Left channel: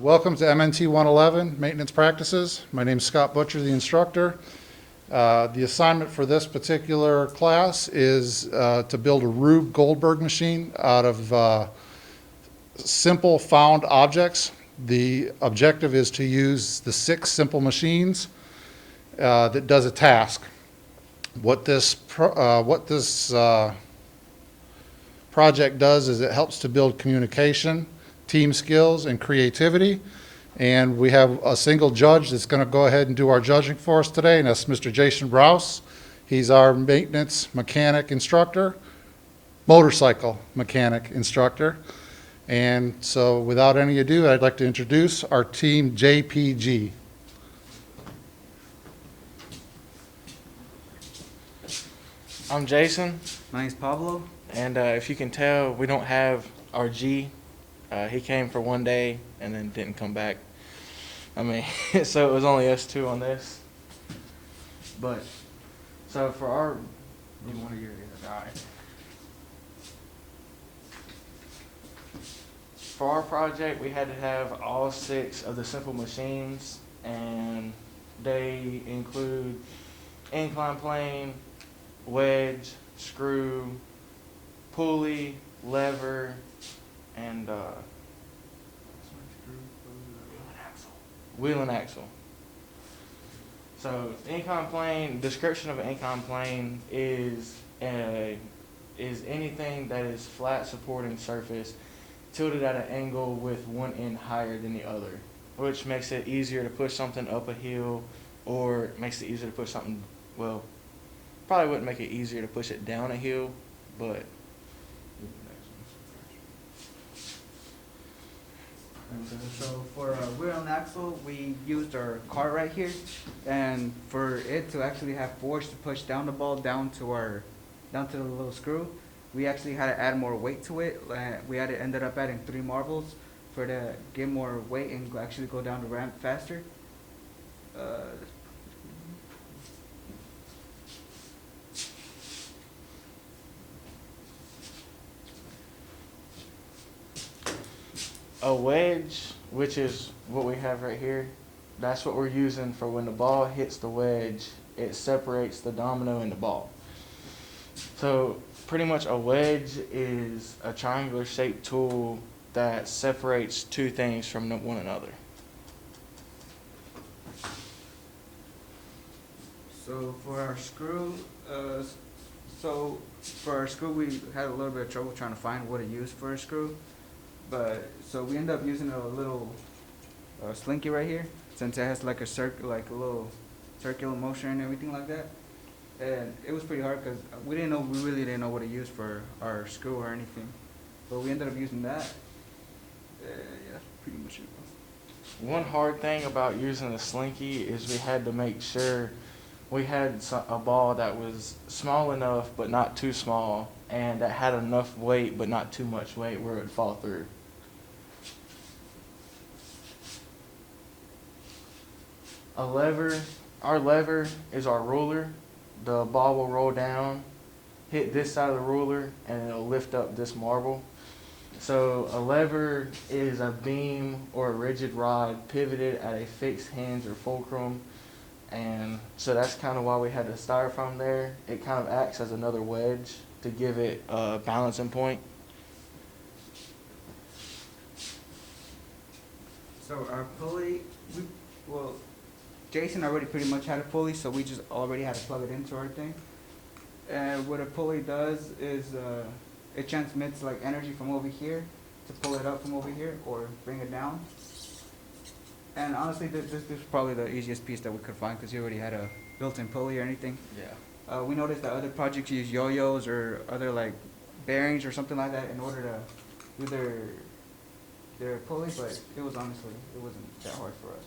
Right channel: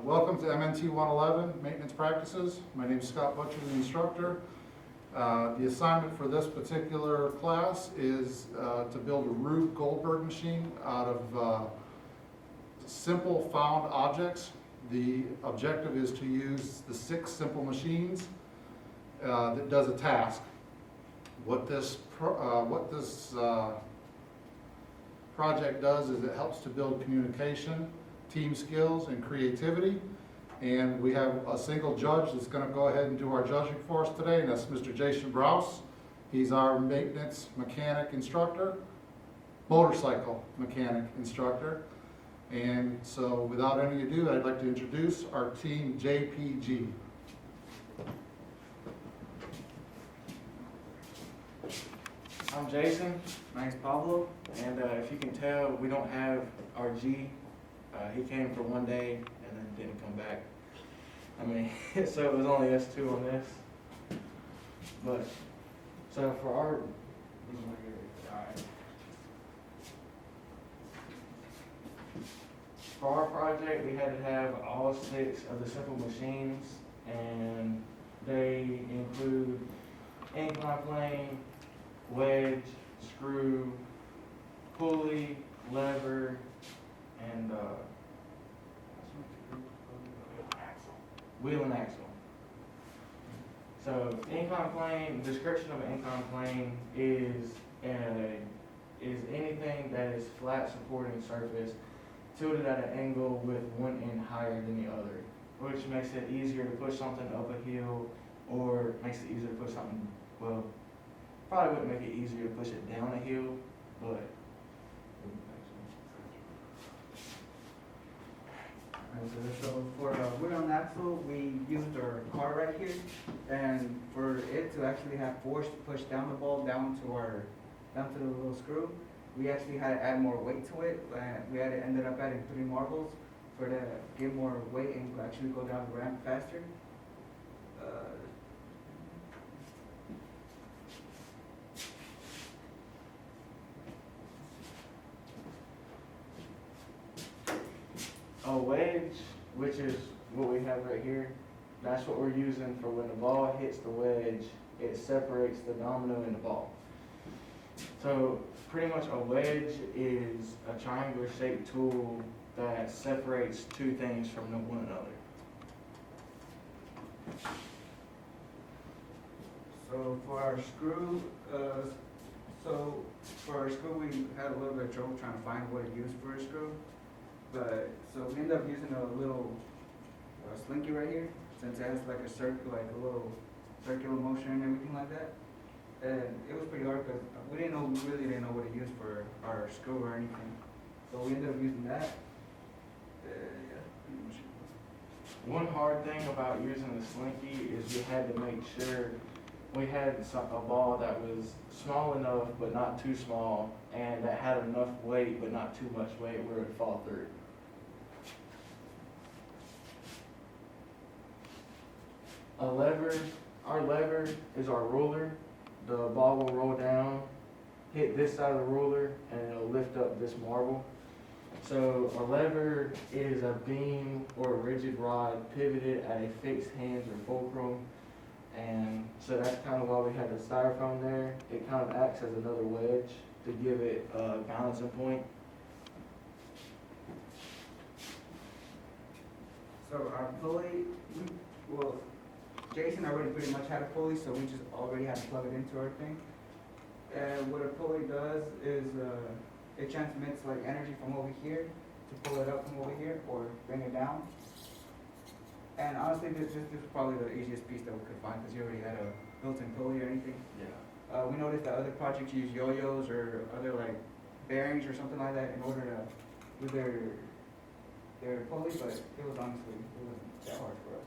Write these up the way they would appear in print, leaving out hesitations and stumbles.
Welcome to MNT-111 Maintenance Practices. My name is Scott Butcher, the instructor. The assignment for this particular class is to build a Rube Goldberg machine out of simple found objects. The objective is to use the 6 simple machines that does a task. What this project does is it helps to build communication, team skills, and creativity. And we have a single judge that's going to go ahead and do our judging for us today, and that's Mr. Jason Browse. He's our maintenance mechanic instructor, motorcycle mechanic instructor. And so without any ado, I'd like to introduce our team JPG. I'm Jason, My name's Pablo. and if you can tell, we don't have our G. He came for one day and then didn't come back. I mean, so it was only us 2 on this. But, so for our, you want to get it, all right. For our project, we had to have all 6 of the simple machines, and they include incline plane, wedge, screw, pulley, lever, and wheel and axle. So incline plane, description of an incline plane is anything that is flat supporting surface tilted at an angle with one end higher than the other, which makes it easier to push something up a hill, or makes it easier to push something, well, probably wouldn't make it easier to push it down a hill, but So for wheel and axle, we used our car right here, and for it to actually have force to push down the ball down to the little screw, we actually had to add more weight to it. We ended up adding 3 marbles for to get more weight and actually go down the ramp faster. a wedge, which is what we have right here, that's what we're using for when the ball hits the wedge, it separates the domino and the ball. So pretty much a wedge is a triangular shaped tool that separates 2 things from one another. So for our screw, we had a little bit of trouble trying to find what to use for a screw. But so we ended up using a little slinky right here, since it has like a little circular motion and everything like that. And it was pretty hard because we really didn't know what to use for our screw or anything. But we ended up using that. Yeah, pretty much it. One hard thing about using the slinky is we had to make sure we had a ball that was small enough but not too small, and that had enough weight but not too much weight where it would fall through. Our lever is our ruler. The ball will roll down, hit this side of the ruler, and it'll lift up this marble. So a lever is a beam or a rigid rod pivoted at a fixed hinge or fulcrum, and so that's kind of why we had the styrofoam there. It kind of acts as another wedge to give it a balancing point. So our pulley, Jason already pretty much had a pulley, so we just already had to plug it into our thing. And what a pulley does is it transmits like energy from over here to pull it up from over here or bring it down. And honestly, this is probably the easiest piece that we could find because you already had a built-in pulley or anything. Yeah. We noticed that other projects use yo-yos or other like bearings or something like that in order to do their pulley, but it wasn't that hard for us.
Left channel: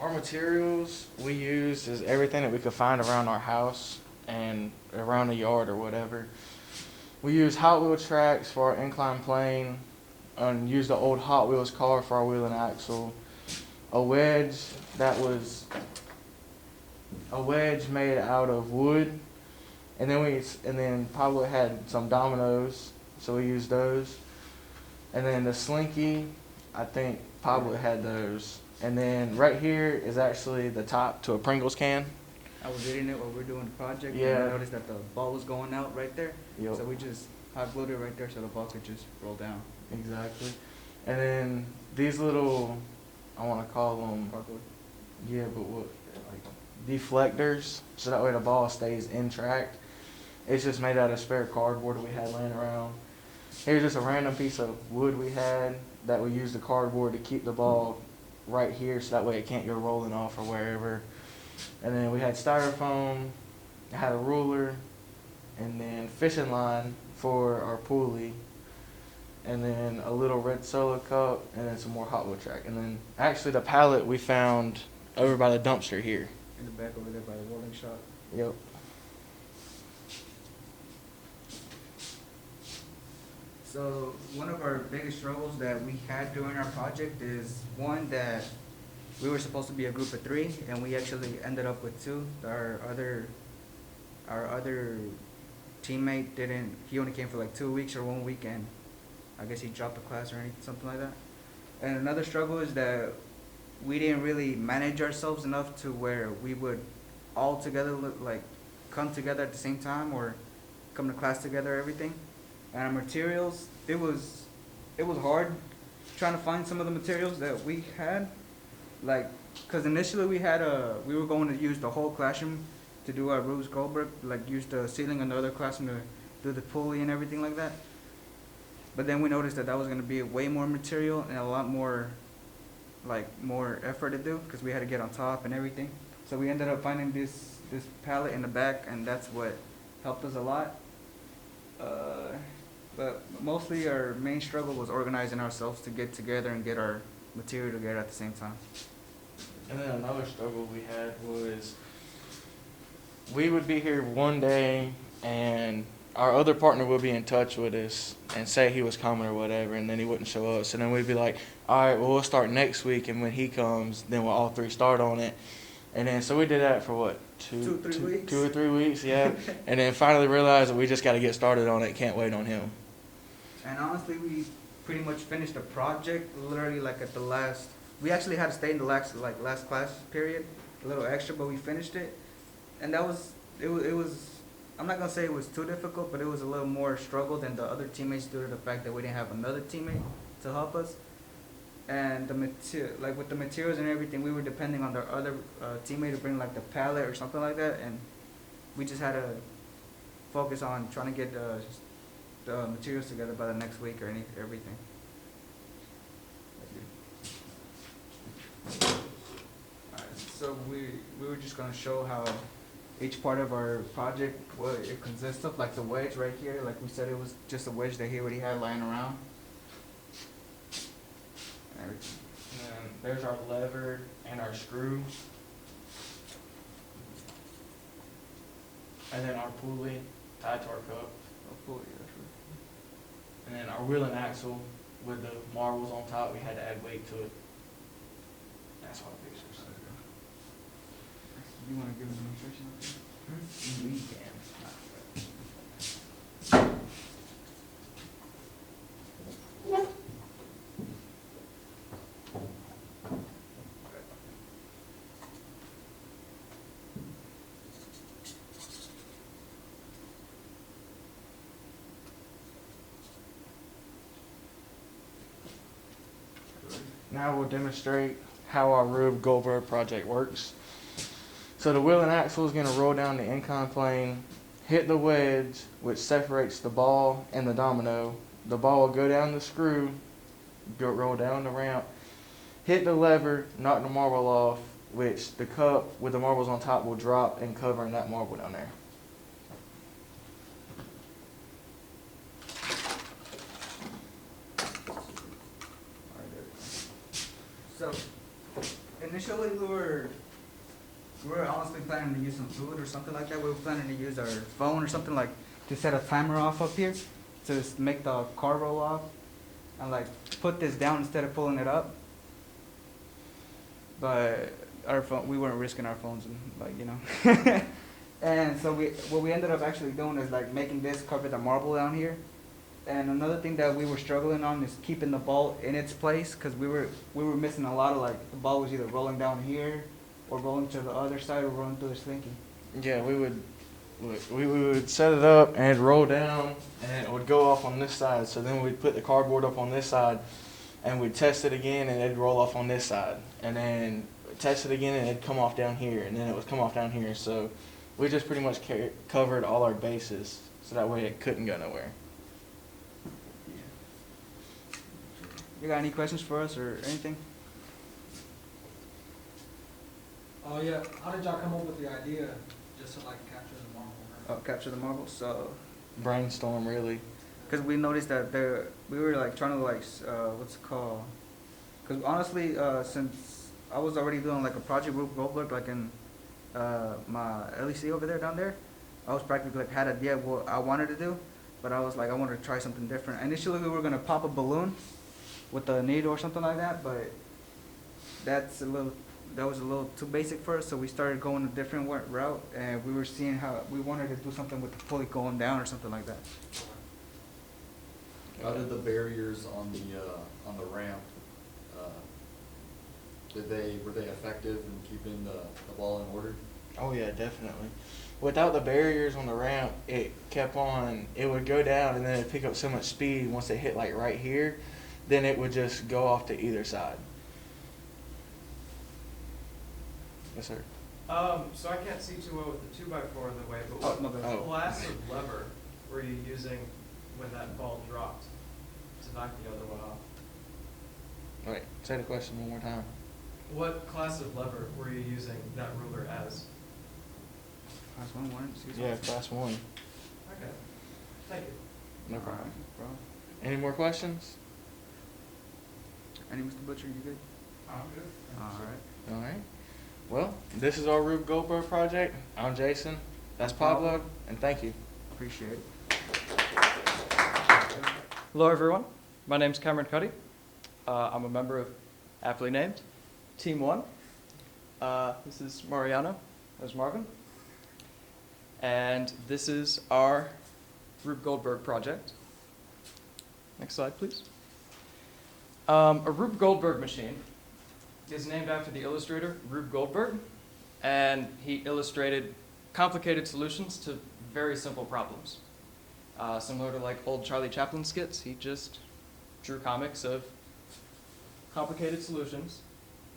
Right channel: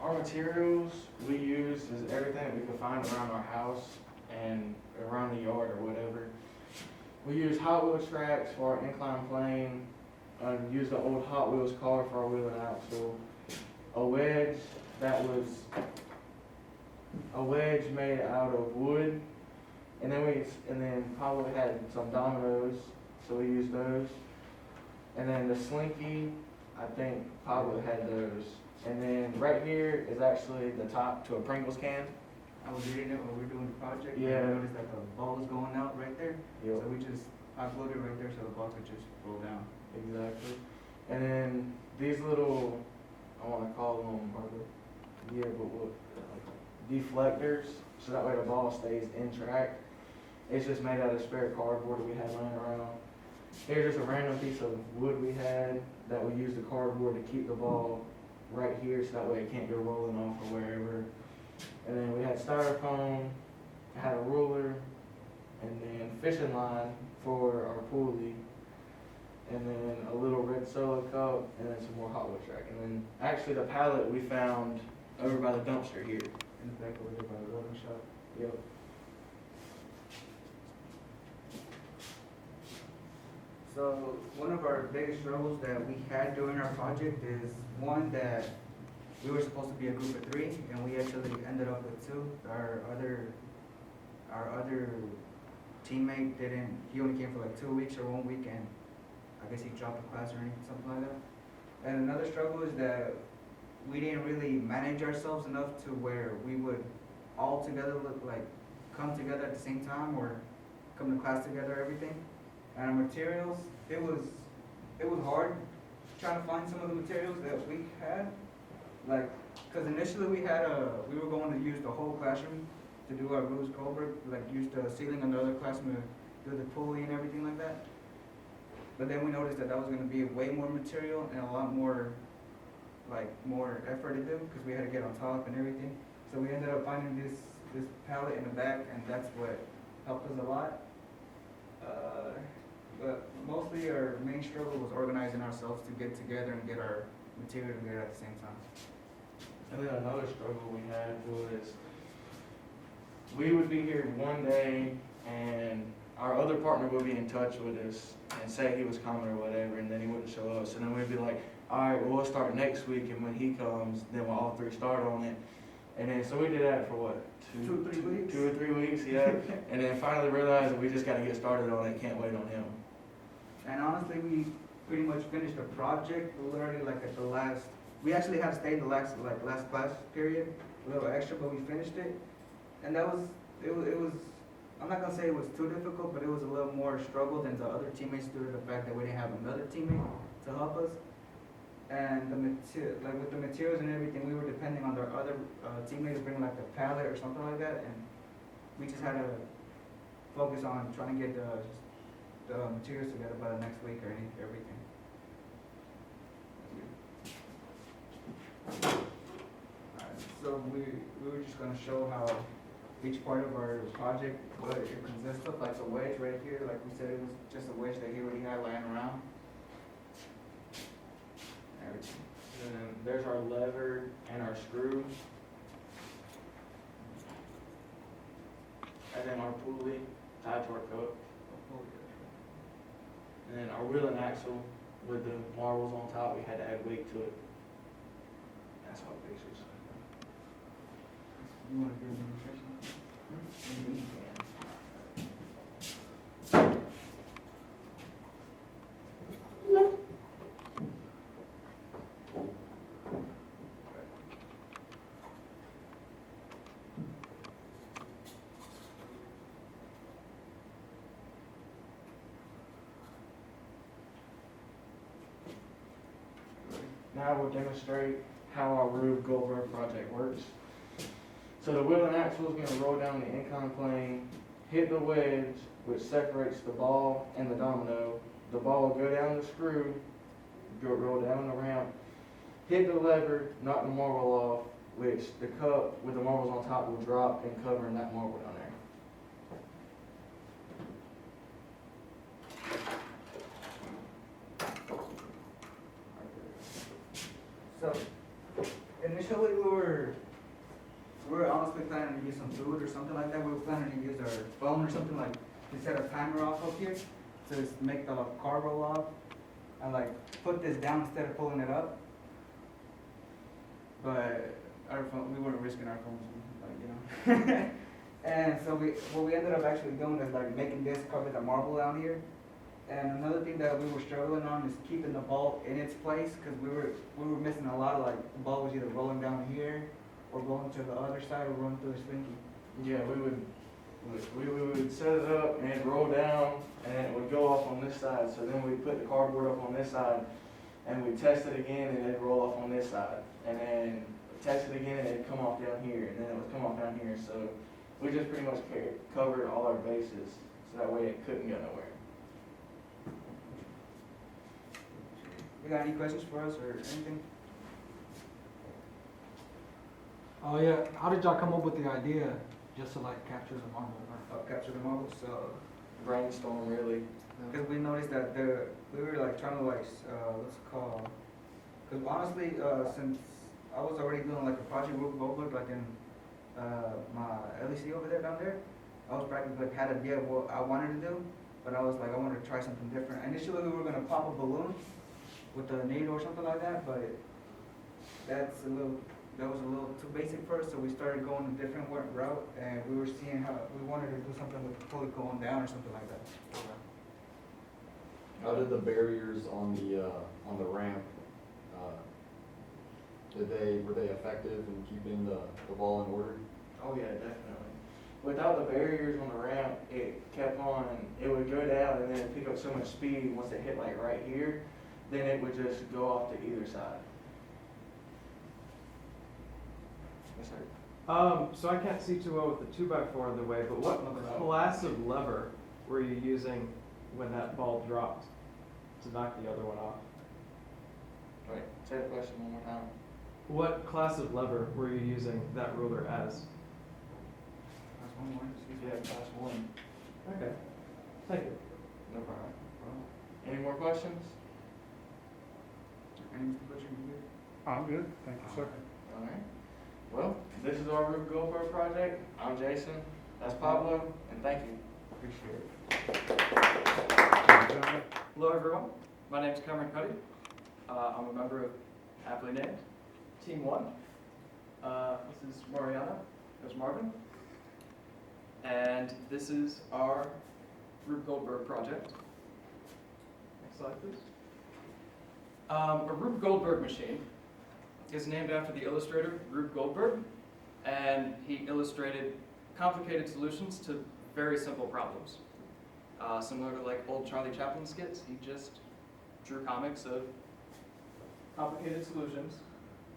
Our materials we use is everything that we could find around our house and around the yard or whatever. We use Hot Wheel tracks for our incline plane, and use the old Hot Wheels car for our wheel and axle. A wedge made out of wood And then Pablo had some dominoes, so we used those. And then the slinky, I think Pablo had those. And then right here is actually the top to a Pringles can. I was eating it while we were doing the project, and Yeah. I noticed that the ball was going out right there. Yep. So we just hot glued it right there so the ball could just roll down. Exactly. And then these little, I want to call them, yeah, but what, like deflectors, so that way the ball stays in track. It's just made out of spare cardboard that we had laying around. Here's just a random piece of wood we had that we used the cardboard to keep the ball right here, so that way it can't go rolling off or wherever. And then we had styrofoam, had a ruler, and then fishing line for our pulley, and then a little red solo cup, and then some more hot wood track. And then actually the pallet we found over by the dumpster here. In the back over there by the welding shop. Yep. So one of our biggest struggles that we had during our project is one that we were supposed to be a group of 3 and we actually ended up with 2. Our other teammate didn't, he only came for like 2 weeks or 1 week, and I guess he dropped the class or anything, something like that. And another struggle is that we didn't really manage ourselves enough to where we would all together like come together at the same time or come to class together, everything. And our materials, it was hard trying to find some of the materials that we had, like, cause initially we were going to use the whole classroom to do our Rubens Goldberg, like use the ceiling in the other classroom to do the pulley and everything like that. But then we noticed that was gonna be way more material and a lot more, like, more effort to do, cause we had to get on top and everything. So we ended up finding this pallet in the back, and that's what helped us a lot. But mostly our main struggle was organizing ourselves to get together and get our material together at the same time. And then another struggle we had was we would be here one day and our other partner would be in touch with us and say he was coming or whatever, and then he wouldn't show up. So then we'd be like, all right, well, we'll start next week, and when he comes, then we'll all 3 start on it. And then so we did that for what, 2 or 3 weeks? 2 or 3 weeks, yeah. And then finally realized that we just got to get started on it, can't wait on him. And honestly, we pretty much finished the project literally like at the last, we actually had to stay the last class period, a little extra, but we finished it. And it was, I'm not gonna say it was too difficult, but it was a little more struggle than the other teammates due to the fact that we didn't have another teammate to help us. And with the materials and everything, we were depending on the other teammate to bring like the pallet or something like that, and we just had to focus on trying to get the materials together by the next week or everything. Alright, so we were just gonna show how each part of our project, what it consists of, like the wedge right here, like we said, it was just a wedge that he already had lying around. And then there's our lever and our screw. And then our pulley tied to our cup. And then our wheel and axle with the marbles on top, we had to add weight to it. That's all pictures. You wanna give them a demonstration? We can. Now we'll demonstrate how our Rube Goldberg project works. So the wheel and axle is going to roll down the incline plane, hit the wedge, which separates the ball and the domino. The ball will go down the screw, roll down the ramp, hit the lever, knock the marble off, which the cup with the marbles on top will drop and cover that marble down there. So, initially we were honestly planning to use some food or something like that. We were planning to use our phone or something, like to set a timer off up here to make the car roll off, and like put this down instead of pulling it up. But our phone, we weren't risking our phones, like, you know. And so what we ended up actually doing is like making this cover the marble down here. And another thing that we were struggling on is keeping the ball in its place, because we were missing a lot of, like, the ball was either rolling down here or rolling to the other side or rolling through the slinky. Yeah, we would set it up and it'd roll down and it would go off on this side. So then we'd put the cardboard up on this side and we'd test it again and it'd roll off on this side. And then test it again and it'd come off down here and then it would come off down here. So we just pretty much covered all our bases so that way it couldn't go nowhere. You got any questions for us or anything? Oh yeah, how did y'all come up with the idea just to like capture the marble? Oh, capture the marble. So, Brainstorm, really. because we noticed that we were like trying to like what's it called? Because honestly, since I was already doing like a project with Goldberg, like in my LEC over there down there, I was practically like had an idea of what I wanted to do, but I was like I wanted to try something different. Initially, we were gonna pop a balloon with a needle or something like that, but that was a little too basic for us, so we started going a different route, and we were seeing how we wanted to do something with the pulley going down or something like that. How did the barriers on the ramp, were they effective in keeping the ball in order? Oh yeah, definitely. Without the barriers on the ramp, it would go down and then it'd pick up so much speed once it hit like right here, then it would just go off to either side. Yes, sir. So I can't see too well with the 2x4 in the way, but what Oh. class of lever were you using when that ball dropped to knock the other one off? Wait, say the question one more time. What class of lever were you using that ruler as? That's one more. Yeah, class 1. Okay, thank you. No problem. Any more questions? Any Mr. Butcher, you good? I'm good, thank you, sir. Alright. All right. Well, this is our Rube Goldberg project. I'm Jason. That's Pablo, and thank you. Appreciate it. Hello, everyone. My name's Cameron Cuddy. I'm a member of aptly named Team 1. This is Mariano. There's Marvin. And this is our Rube Goldberg project. Next slide, please. A Rube Goldberg machine is named after the illustrator Rube Goldberg, and he illustrated complicated solutions to very simple problems. Similar to like old Charlie Chaplin skits, he just drew comics of complicated solutions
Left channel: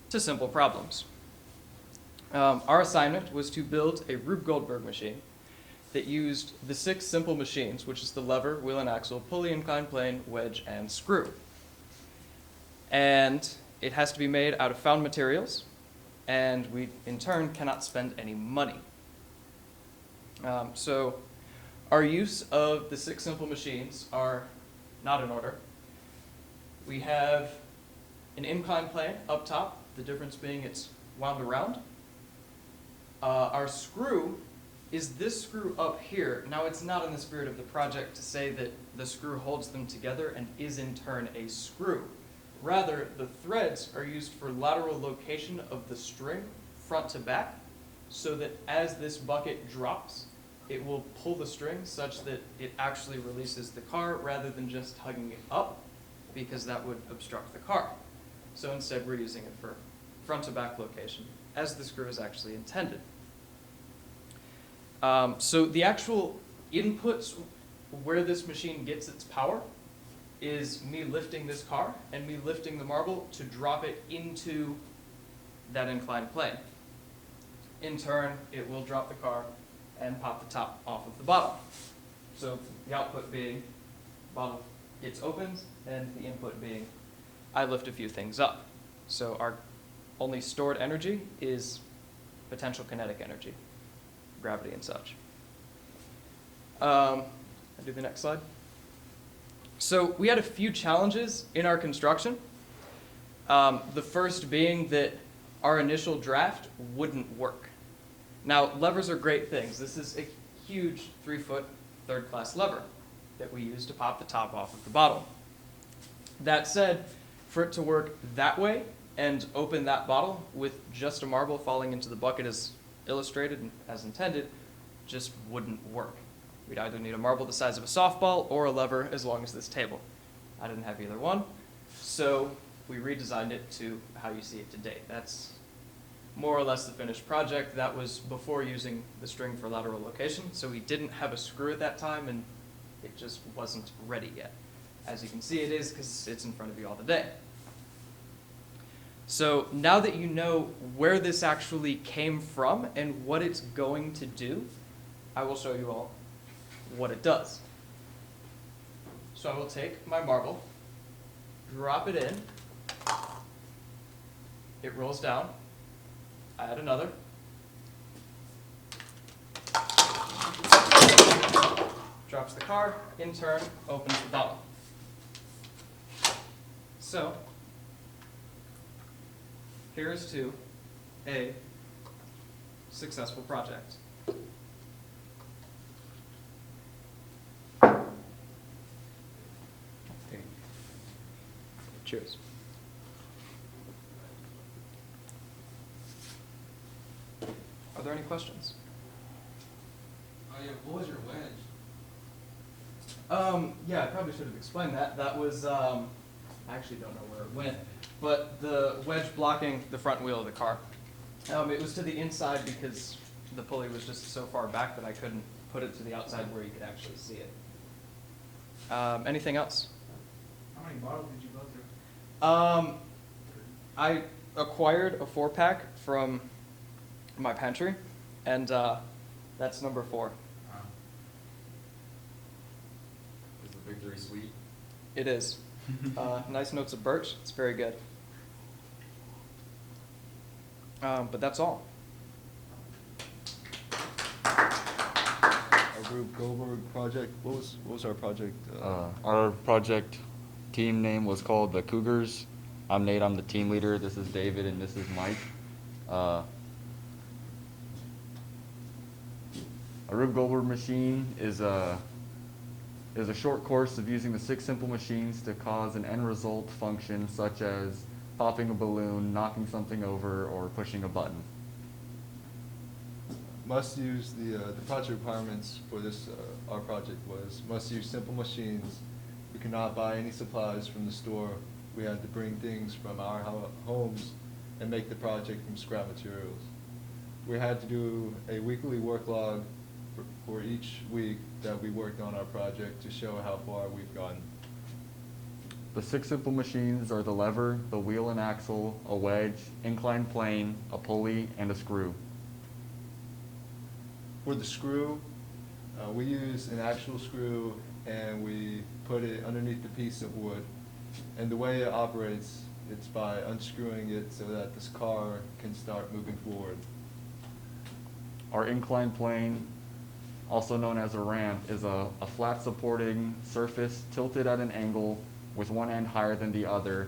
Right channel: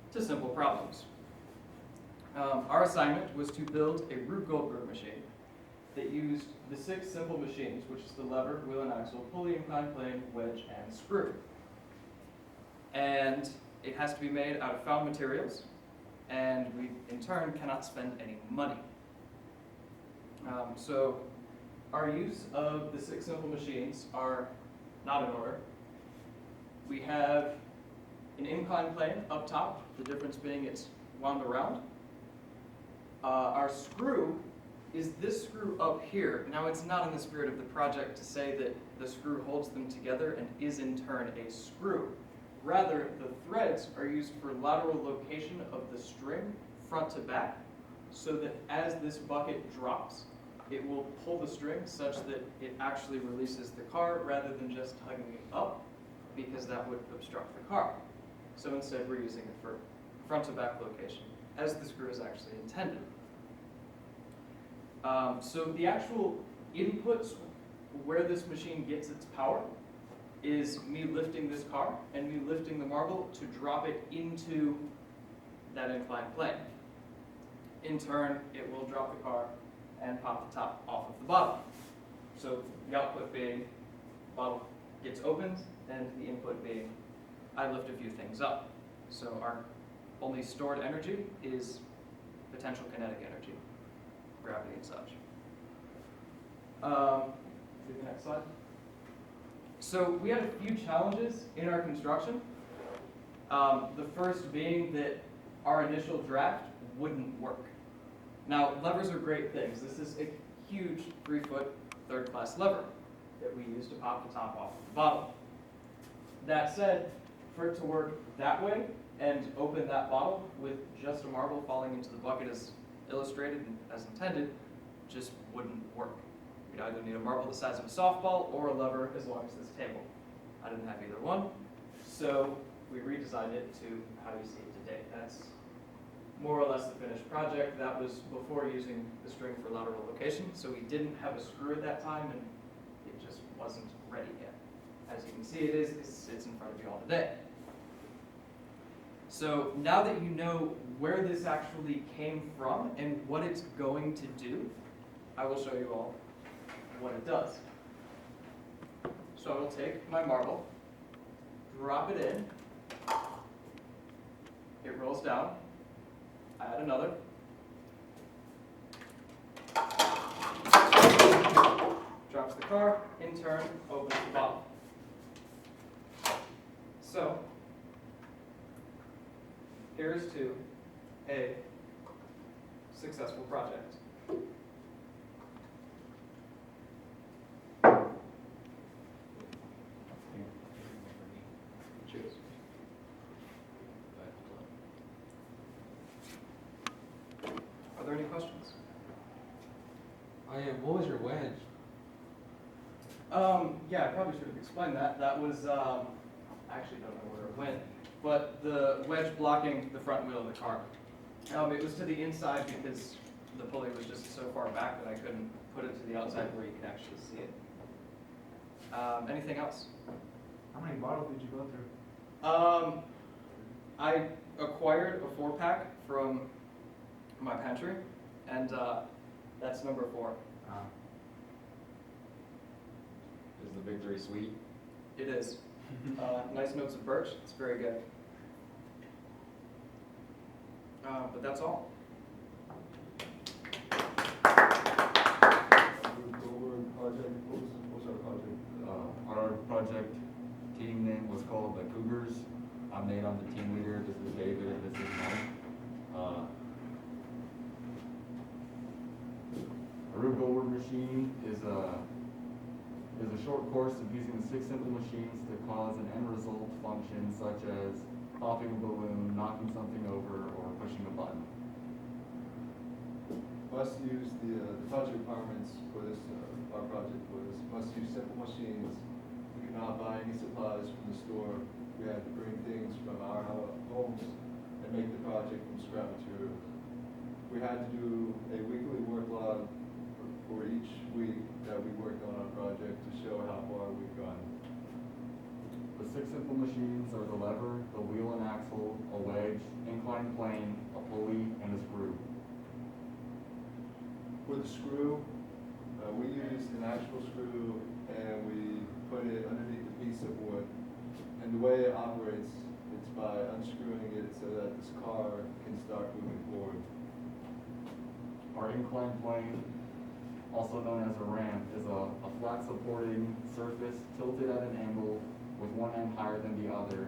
to simple problems. Our assignment was to build a Rube Goldberg machine that used the 6 simple machines, which is the lever, wheel and axle, pulley, inclined plane, wedge, and screw. And it has to be made out of found materials, and we, in turn, cannot spend any money. So our use of the 6 simple machines are not in order. We have an inclined plane up top, the difference being it's wound around. Our screw is this screw up here. Now, it's not in the spirit of the project to say that the screw holds them together and is in turn a screw. Rather, the threads are used for lateral location of the string front to back, so that as this bucket drops, it will pull the string such that it actually releases the car rather than just hugging it up, because that would obstruct the car. So instead, we're using it for front to back location, as the screw is actually intended. So the actual inputs where this machine gets its power is me lifting this car and me lifting the marble to drop it into that inclined plane. In turn, it will drop the car and pop the top off of the bottom. So the output being bottle gets opened, and the input being I lift a few things up. So our only stored energy is potential kinetic energy, gravity and such. I'll do the next slide. So we had a few challenges in our construction. The first being that our initial draft wouldn't work. Now, levers are great things. This is a huge 3-foot third-class lever that we use to pop the top off of the bottle. That said, for it to work that way and open that bottle with just a marble falling into the bucket as illustrated and as intended just wouldn't work. We'd either need a marble the size of a softball or a lever as long as this table. I didn't have either one, so we redesigned it to how you see it today. That's more or less the finished project. That was before using the string for lateral location, so we didn't have a screw at that time, and it just wasn't ready yet. As you can see, it is because it's in front of you all today. So now that you know where this actually came from and what it's going to do, I will show you all what it does. So I will take my marble, drop it in, it rolls down, add another, drops the car, in turn, opens the bottle. So, here's to a successful project. Cheers. Are there any questions? Oh yeah, what was your wedge? Yeah, I probably should have explained that. That was, I actually don't know where it went, but the wedge blocking the front wheel of the car. It was to the inside because the pulley was just so far back that I couldn't put it to the outside where you could actually see it. Anything else? How many bottles did you go through? I acquired a 4-pack from my pantry, and that's number 4. Is the victory sweet? It is. Nice notes of birch. It's very good. But that's all. Rube Goldberg project. What was our project? Our project team name was called the Cougars. I'm Nate, I'm the team leader. This is David and this is Mike. A Rube Goldberg machine is a short course of using the 6 simple machines to cause an end result function such as popping a balloon, knocking something over, or pushing a button. Must use the project requirements for this our project was must use simple machines. We could not buy any supplies from the store. We had to bring things from our homes and make the project from scrap materials. We had to do a weekly work log for each week that we worked on our project to show how far we've gotten. The 6 simple machines are the lever, the wheel and axle, a wedge, inclined plane, a pulley, and a screw. For the screw, we used an actual screw and we put it underneath the piece of wood. And the way it operates, it's by unscrewing it so that this car can start moving forward. Our inclined plane, also known as a ramp, is a flat supporting surface tilted at an angle with one end higher than the other,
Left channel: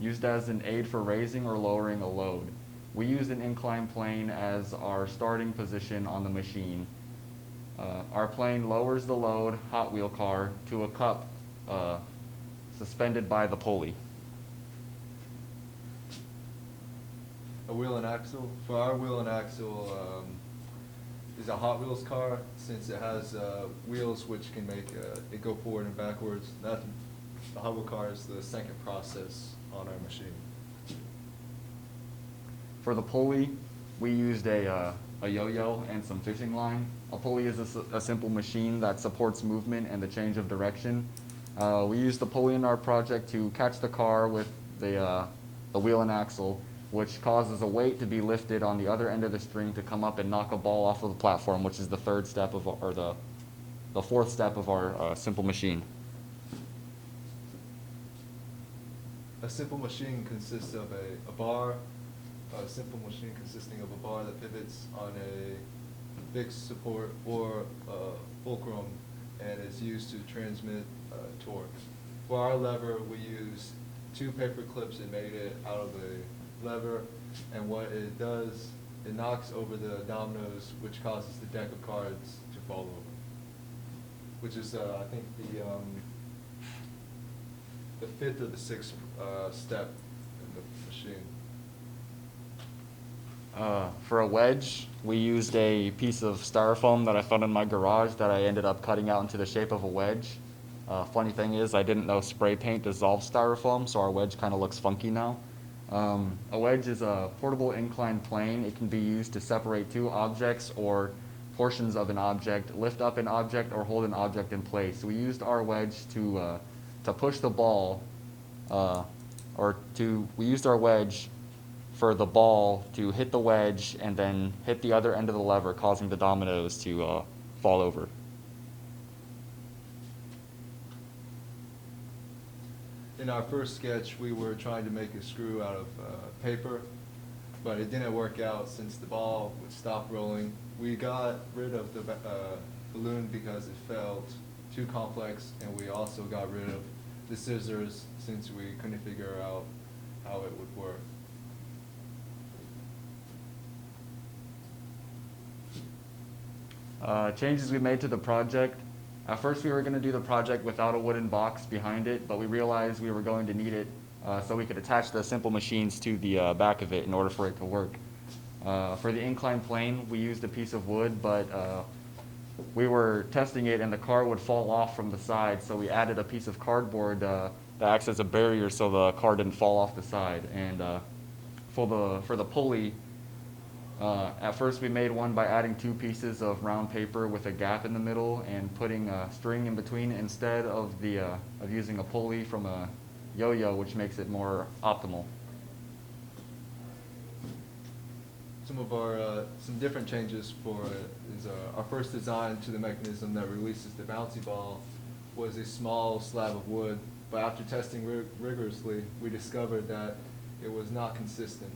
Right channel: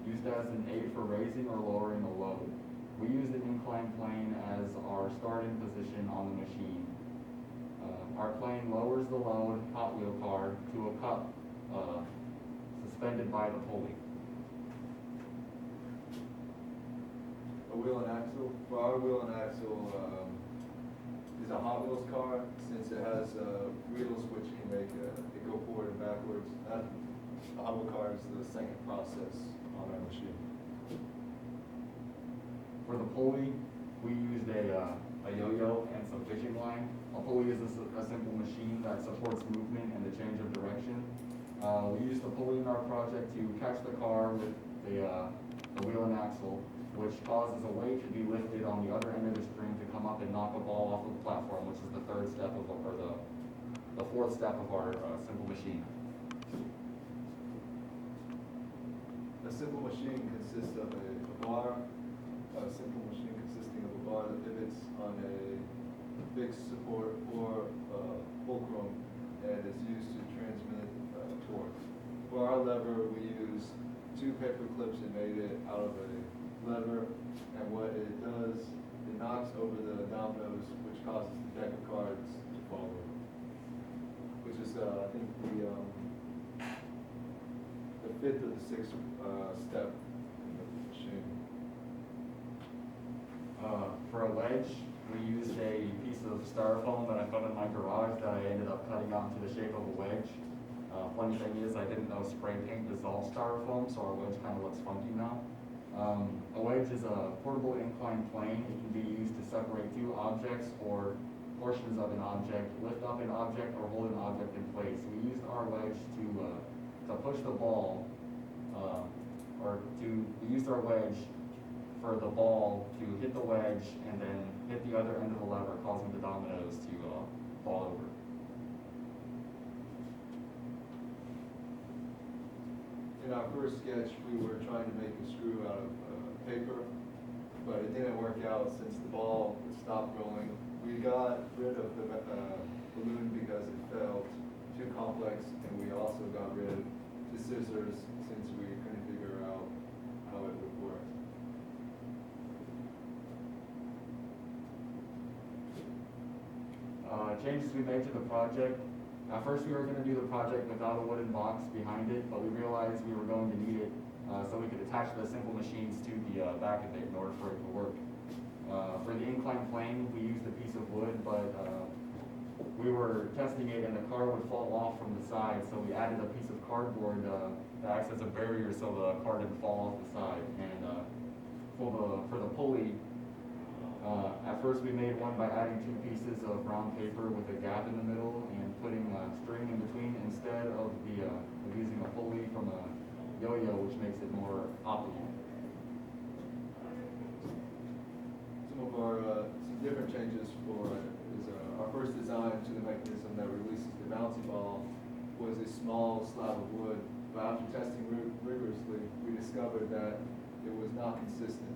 used as an aid for raising or lowering a load. We use an inclined plane as our starting position on the machine. Our plane lowers the load Hot Wheel car to a cup suspended by the pulley. A wheel and axle. For our wheel and axle is a Hot Wheels car, since it has wheels which can make it go forward and backwards. The Hot Wheel car is the second process on our machine. For the pulley, we used a yo-yo and some fishing line. A pulley is a simple machine that supports movement and the change of direction. We used the pulley in our project to catch the car with the wheel and axle, which causes a weight to be lifted on the other end of the string to come up and knock a ball off of the platform, which is the third step of, or the fourth step of our simple machine. A simple machine consists of a bar. A simple machine consisting of a bar that pivots on a fixed support or fulcrum and is used to transmit torque. For our lever, we used 2 paper clips and made it out of a lever, and what it does, it knocks over the dominoes, which causes the deck of cards to fall over, which is I think the 5th of the 6th step in the machine. For a wedge, we used a piece of styrofoam that I found in my garage that I ended up cutting out into the shape of a wedge. Funny thing is, I didn't know spray paint dissolves styrofoam, so our wedge kind of looks funky now. A wedge is a portable inclined plane. It can be used to separate two objects or portions of an object, lift up an object, or hold an object in place. We used our wedge to push the ball, we used our wedge for the ball to hit the wedge and then hit the other end of the lever, causing the dominoes to fall over. In our first sketch, we were trying to make a screw out of paper, but it didn't work out since the ball would stop rolling. We got rid of the balloon because it felt too complex, and we also got rid of the scissors since we couldn't figure out how it would work. Changes we made to the project. At first we were going to do the project without a wooden box behind it, but we realized we were going to need it so we could attach the simple machines to the back of it in order for it to work. For the inclined plane, we used a piece of wood, but we were testing it and the car would fall off from the side, so we added a piece of cardboard that acts as a barrier so the car didn't fall off the side. And for the pulley, at first we made one by adding two pieces of round paper with a gap in the middle and putting a string in between instead of using a pulley from a yo-yo, which makes it more optimal. Some different changes our first design to the mechanism that releases the bouncy ball was a small slab of wood, but after testing rigorously, we discovered that it was not consistent.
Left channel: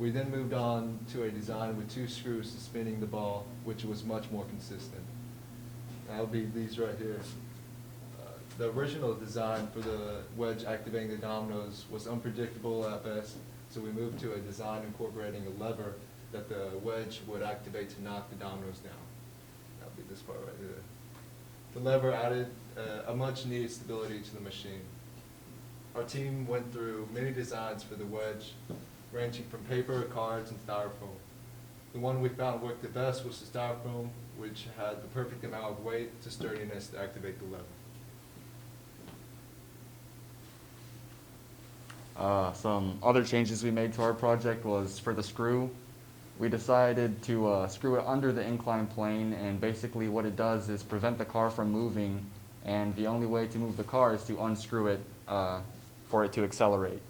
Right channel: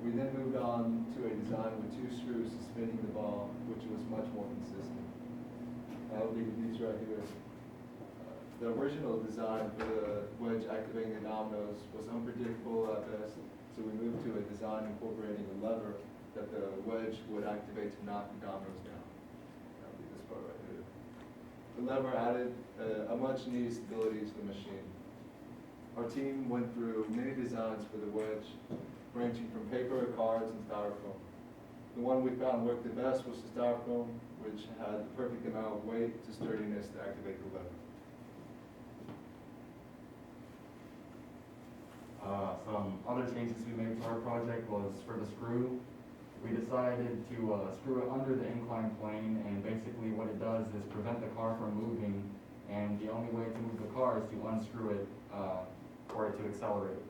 We then moved on to a design with two screws spinning the ball, which was much more consistent. That'll be these right here. The original design for the wedge activating the dominoes was unpredictable at best, so we moved to a design incorporating a lever that the wedge would activate to knock the dominoes down. That'll be this part right here. The lever added a much needed stability to the machine. Our team went through many designs for the wedge, ranging from paper, cards, and styrofoam. The one we found worked the best was the styrofoam, which had the perfect amount of weight to sturdiness to activate the lever. Some other changes we made to our project was for the screw. We decided to screw it under the inclined plane, and basically what it does is prevent the car from moving, and the only way to move the car is to unscrew it for it to accelerate.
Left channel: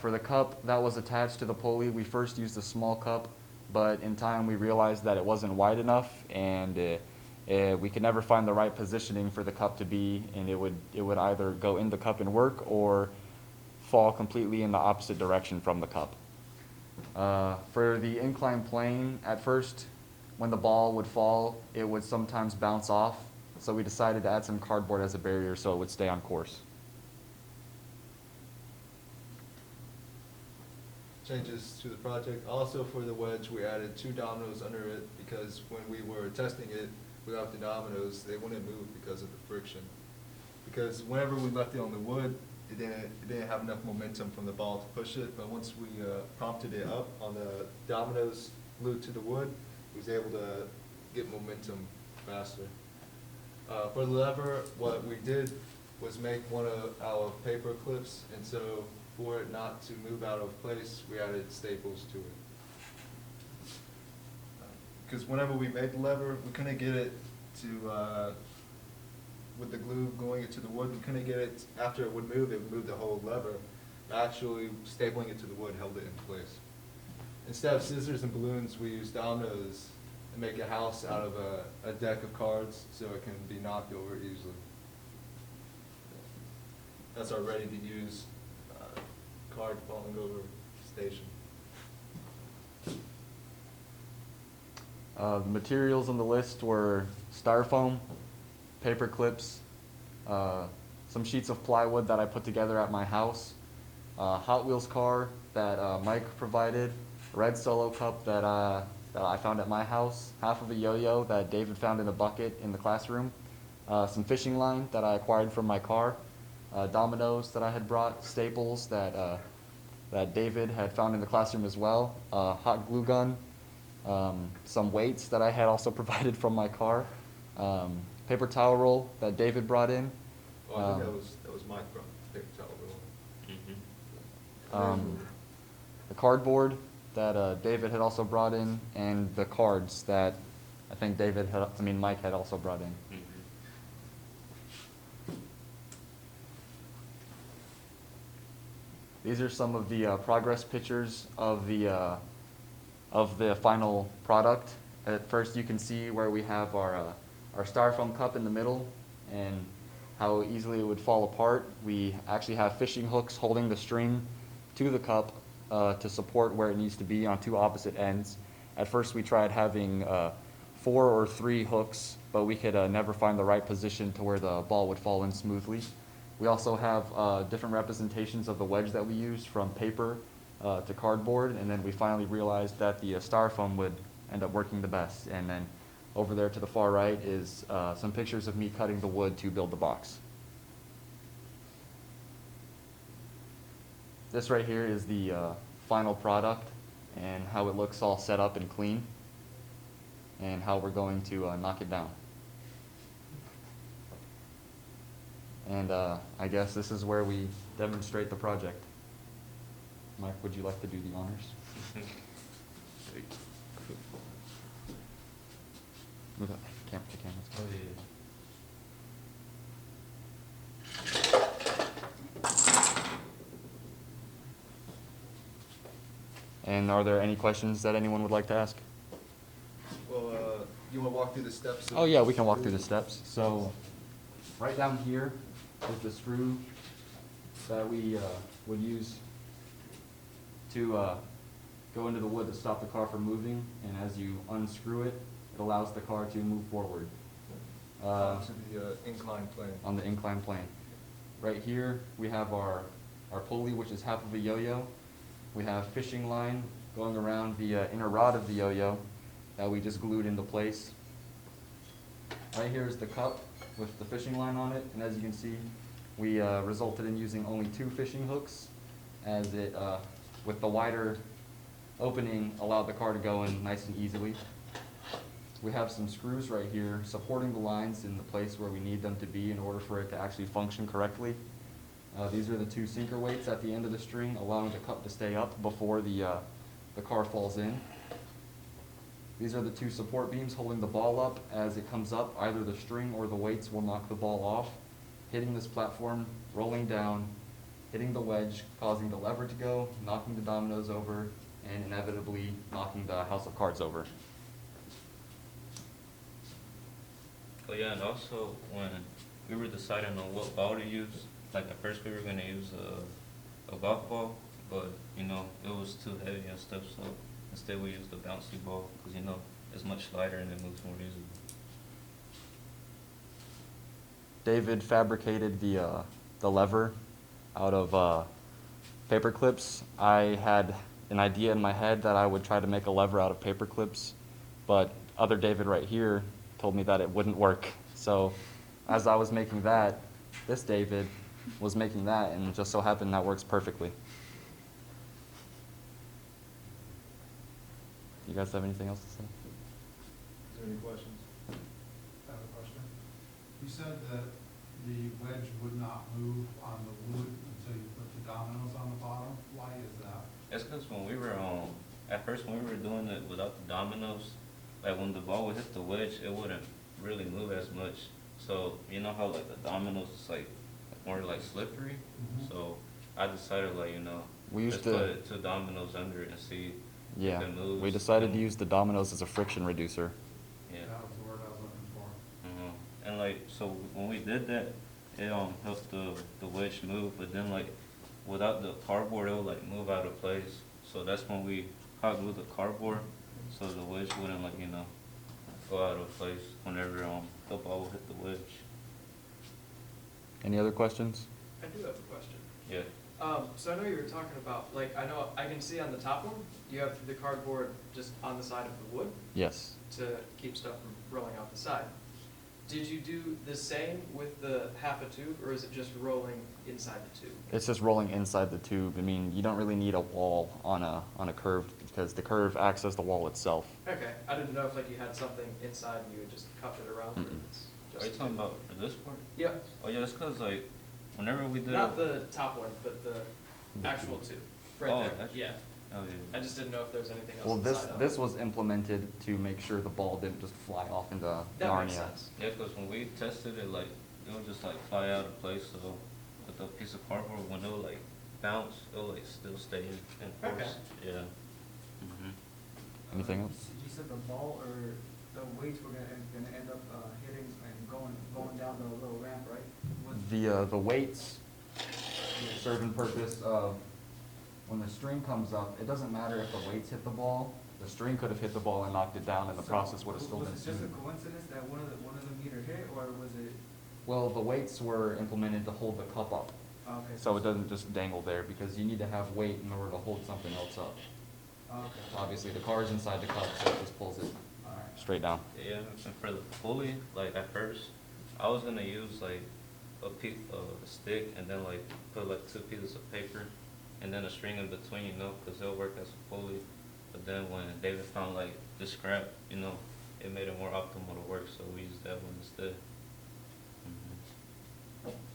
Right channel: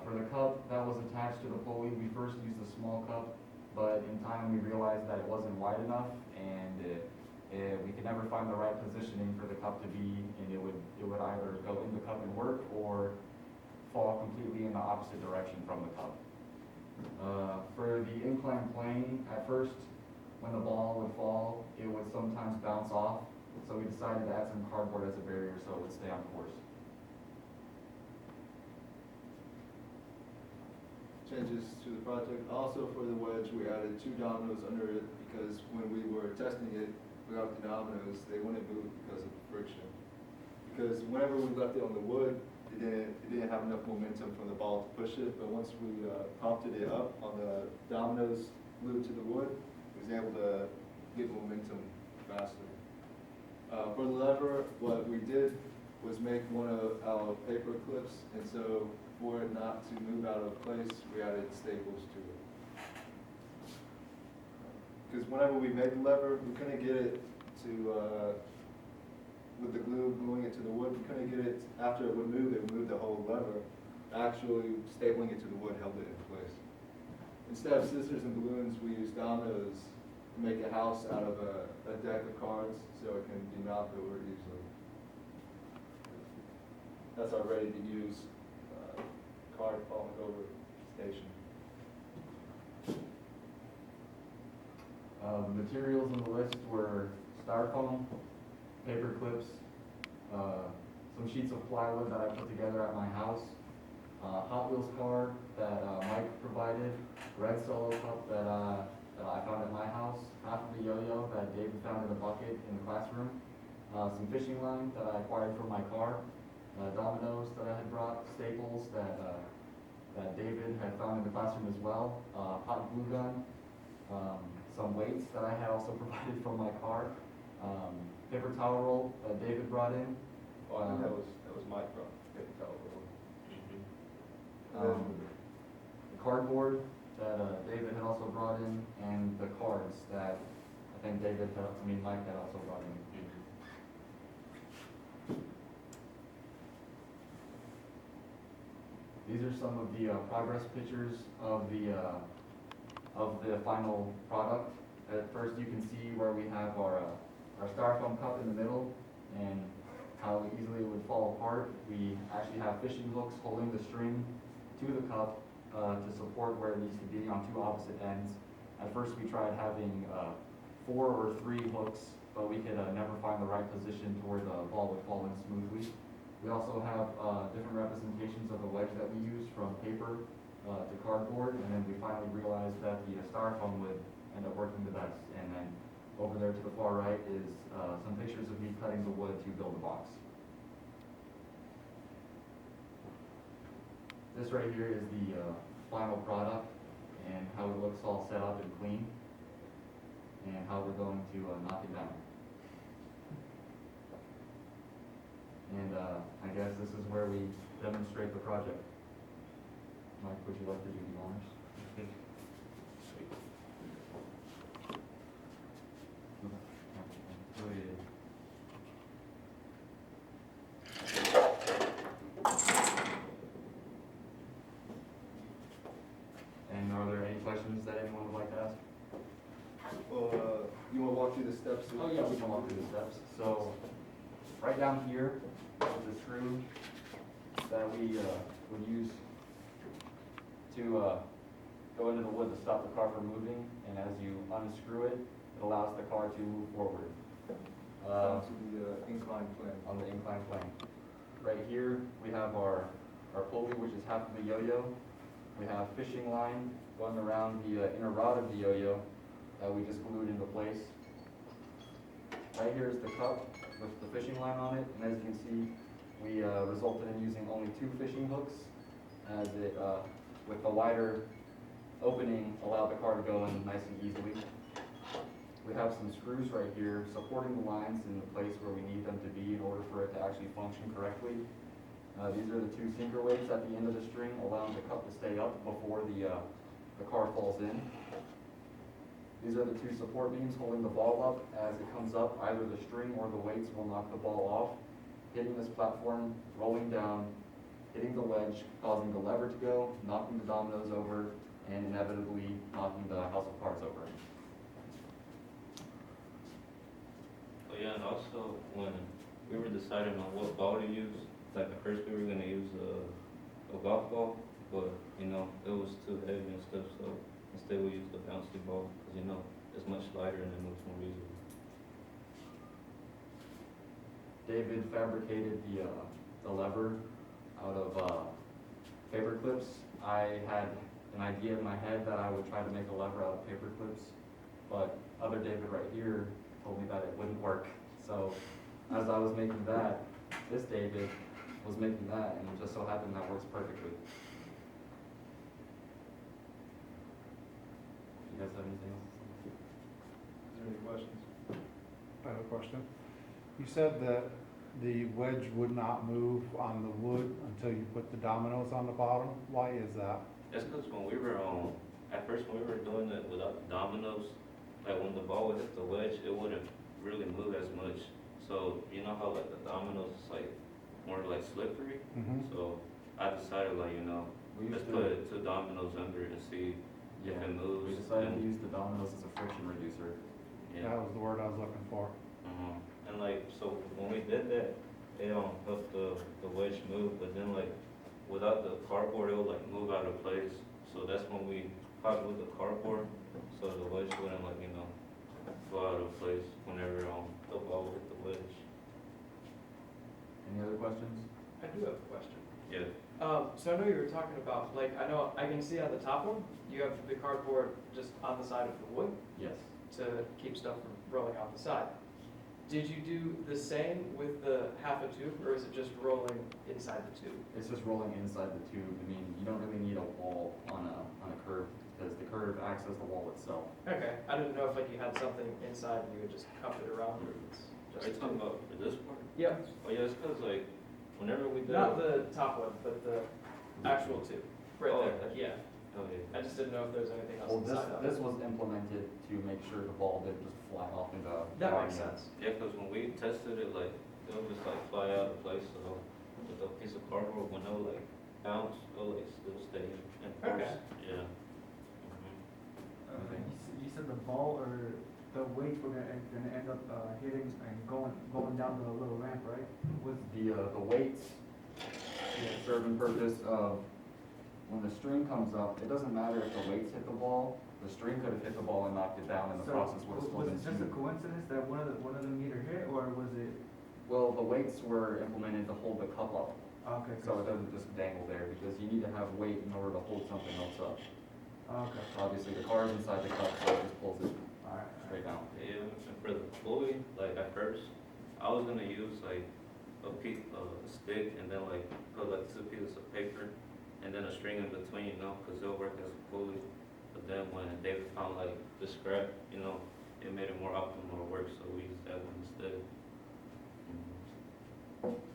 For the cup that was attached to the pulley, we first used a small cup, but in time we realized that it wasn't wide enough, and we could never find the right positioning for the cup to be, and it would either go in the cup and work or fall completely in the opposite direction from the cup. For the inclined plane, at first, when the ball would fall, it would sometimes bounce off, so we decided to add some cardboard as a barrier so it would stay on course. Changes to the project. Also for the wedge, we added two dominoes under it because when we were testing it without the dominoes, they wouldn't move because of the friction. Because whenever we left it on the wood, it didn't have enough momentum from the ball to push it, but once we prompted it up on the dominoes glued to the wood, it was able to get momentum faster. For the lever, what we did was make one out of paper clips, and so for it not to move out of place, we added staples to it. Because whenever we made the lever, we couldn't get it to with the glue gluing it to the wood, we couldn't get it, after it would move the whole lever. Actually, stapling it to the wood held it in place. Instead of scissors and balloons, we used dominoes to make a house out of a deck of cards so it can be knocked over easily. That's our ready-to-use card falling over station. The materials on the list were styrofoam, paper clips, some sheets of plywood that I put together at my house, Hot Wheels car that Mike provided, red Solo cup that I found at my house, half of a yo-yo that David found in a bucket in the classroom, some fishing line that I acquired from my car, dominoes that I had brought, staples that David had found in the classroom as well, hot glue gun, some weights that I had also provided from my car, paper towel roll that David brought in. Oh, I think that was my problem, paper towel roll. The cardboard that David had also brought in, and the cards that I think Mike had also brought in. These are some of the progress pictures of the final product. At first, you can see where we have our styrofoam cup in the middle and how easily it would fall apart. We actually have fishing hooks holding the string to the cup to support where it needs to be on two opposite ends. At first, we tried having 4 or 3 hooks, but we could never find the right position to where the ball would fall in smoothly. We also have different representations of the wedge that we used, from paper to cardboard, and then we finally realized that the styrofoam would end up working the best. And then over there to the far right is some pictures of me cutting the wood to build the box. This right here is the final product and how it looks all set up and clean, and how we're going to knock it down. And I guess this is where we demonstrate the project. Mike, would you like to do the honors? Move that camera to cameras. And are there any questions that anyone would like to ask? Well, you want to walk through the steps? Oh yeah, we can walk through the steps. So, right down here is the screw that we would use to go into the wood to stop the car from moving. And as you unscrew it, it allows the car to move forward. To the inclined plane. On the inclined plane. Right here, we have our pulley, which is half of the yo-yo. We have fishing line going around the inner rod of the yo-yo that we just glued into place. Right here is the cup with the fishing line on it, and as you can see, we resulted in using only 2 fishing hooks, as it, with the wider opening, allowed the car to go in nice and easily. We have some screws right here supporting the lines in the place where we need them to be in order for it to actually function correctly. These are the 2 sinker weights at the end of the string, allowing the cup to stay up before the car falls in. These are the 2 support beams holding the ball up. As it comes up, either the string or the weights will knock the ball off, hitting this platform, rolling down, hitting the wedge, causing the lever to go, knocking the dominoes over, and inevitably knocking the house of cards over. Oh yeah, and also when we were deciding on what ball to use, like at first we were gonna use a golf ball, but you know it was too heavy and stuff. So instead we used the bouncy ball because you know it's much lighter and it moves more easily. David fabricated the lever out of paper clips. I had an idea in my head that I would try to make a lever out of paper clips, but other David right here told me that it wouldn't work. So as I was making that, this David was making that, and it just so happened that works perfectly. You guys have anything else to say? Is there any questions? I have a question. You said that the wedge would not move on the wood until you put the dominoes on the bottom. Why is that? It's because when we were at first when we were doing it without the dominoes, like when the ball would hit the wedge, it wouldn't really move as much. So you know how like the dominoes is like more like slippery. Mhm. So I decided like We used let's to, put 2 dominoes under it to see yeah, if it moves. we decided to use the dominoes as a friction reducer. Yeah. That was the word I was looking for. And like so when we did that, it helped the wedge move. But then like without the cardboard, it would like move out of place. So that's when we hot glued the cardboard, so the wedge wouldn't like go out of place whenever the ball hit the wedge. Any other questions? I do have a question. Yeah. So I know you were talking about, like, I know I can see on the top one, you have the cardboard just on the side of the wood Yes. to keep stuff from rolling off the side. Did you do the same with the half a tube, or is it just rolling inside the tube? It's just rolling inside the tube. I mean, you don't really need a wall on a curved because the curve acts as the wall itself. Okay, I didn't know if like you had something inside and you would just cuff it around. Mm-mm. It's Are you just- talking about for this part? Yeah, Oh yeah, it's cause like, whenever we did. not the top one, but the actual two, right Oh, there, actually. yeah. Oh yeah. I just didn't know if there was anything else Well, inside of it. this was implemented to make sure the ball didn't just fly off into That makes Narnia. sense. Yeah, cause when we tested it, like, it would just like fly out of place, so with the piece of cardboard, when it would like bounce, it'll like still stay in Okay. place. Yeah. Mhm. Anything else? You said the ball or the weights were gonna end up hitting and going down the little ramp, right? Was The weights serve the purpose of, when the string comes up, it doesn't matter if the weights hit the ball, the string could have hit the ball and knocked it down, and the so process would have still been Was it just a smooth. coincidence that one of the meter hit, or was it? Well, the weights were implemented to hold the cup up, Okay. so it doesn't just dangle there, because you need to have weight in order to hold something else up. Okay. Obviously, the car's inside the cup, so it just pulls it Alright. straight down. Yeah, and for the pulley, like at first, I was gonna use like a piece of stick and then like put like 2 pieces of paper and then a string in between, you know, cause it'll work as a pulley. But then when David found like the scrap, you know, it made it more optimal to work, so we used that one instead.